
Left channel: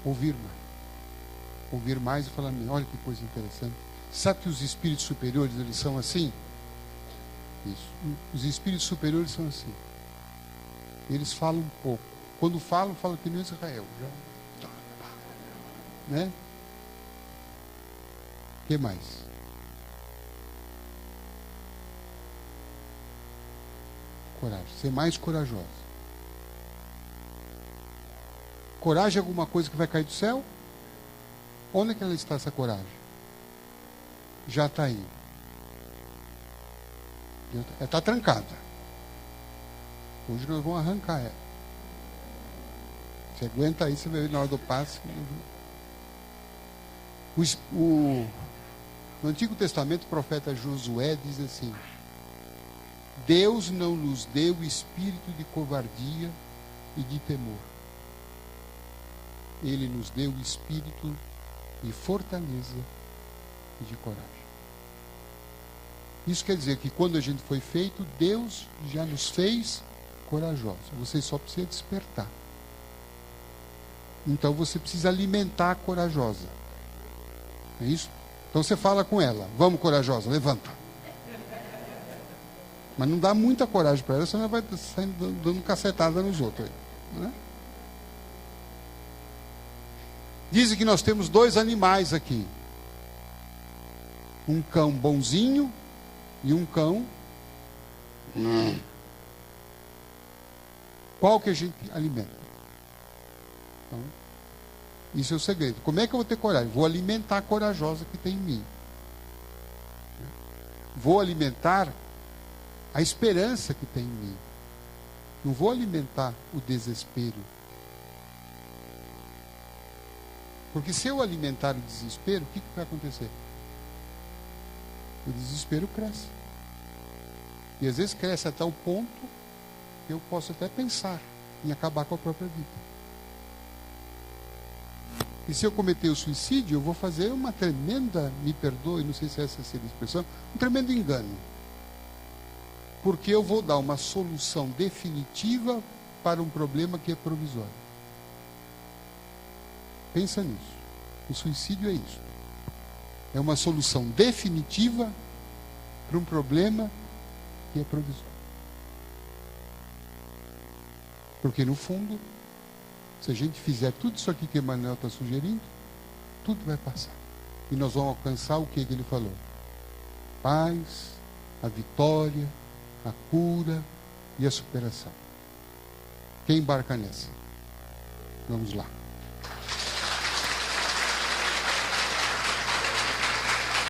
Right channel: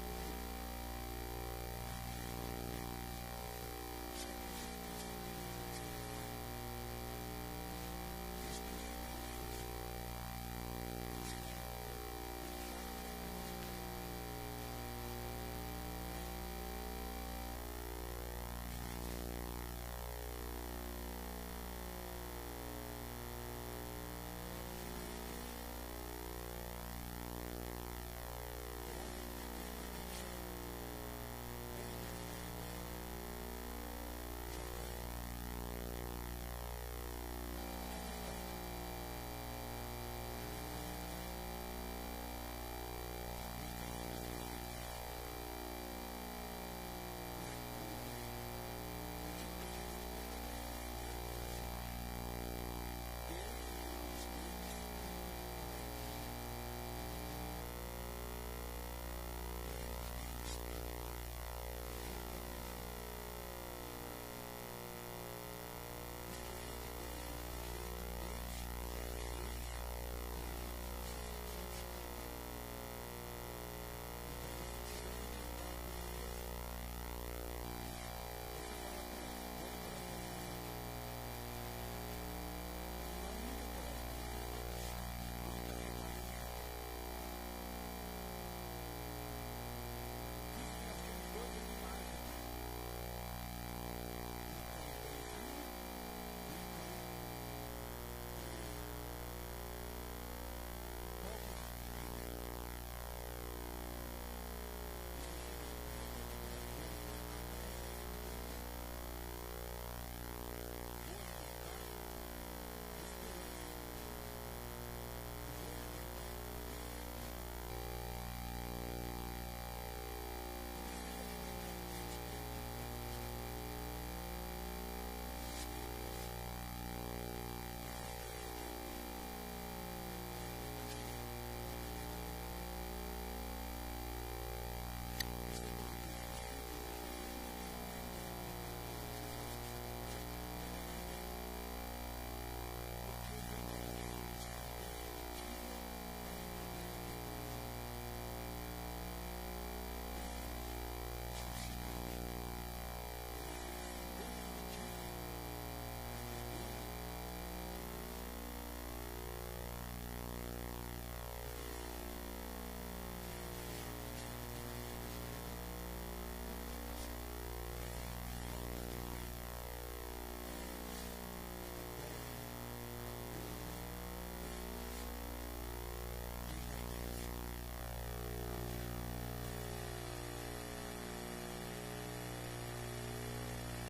Ouvir mais. Ouvir mais e falar, olha que coisa interessante. Sabe que os espíritos superiores, eles são assim? Isso. Os espíritos superiores são assim. Eles falam um pouco. Quando falam que nem Israel. Né? O que mais? Coragem. Ser mais corajoso. Coragem é alguma coisa que vai cair do céu? Onde é que ela está, essa coragem? Já está aí. Ela está trancada. Hoje nós vamos arrancar ela. Você aguenta aí, você vai ver na hora do passe. No Antigo Testamento, o profeta Josué diz assim: Deus não nos deu espírito de covardia e de temor. Ele nos deu espírito de fortaleza e de coragem. Isso quer dizer que quando a gente foi feito, Deus já nos fez corajosos. Você só precisa despertar. Então você precisa alimentar a corajosa. É isso? Então você fala com ela: vamos, corajosa, levanta. Mas não dá muita coragem para ela, senão ela vai dando cacetada nos outros. Né? Dizem que nós temos 2 animais aqui: um cão bonzinho e um cão. Qual que a gente alimenta? Então, isso é o segredo. Como é que eu vou ter coragem? Vou alimentar a corajosa que tem em mim. Vou alimentar a esperança que tem em mim. Não vou alimentar o desespero. Porque se eu alimentar o desespero, o que vai acontecer? O desespero cresce. E às vezes cresce até o ponto que eu posso até pensar em acabar com a própria vida. E se eu cometer o suicídio, eu vou fazer uma tremenda, me perdoe, não sei se essa seria a expressão, um tremendo engano. Porque eu vou dar uma solução definitiva para um problema que é provisório. Pensa nisso. O suicídio é isso. É uma solução definitiva para um problema que é provisório. Porque no fundo, se a gente fizer tudo isso aqui que Emmanuel está sugerindo, tudo vai passar. E nós vamos alcançar o que ele falou: paz, a vitória, a cura e a superação. Quem embarca nessa? Vamos lá.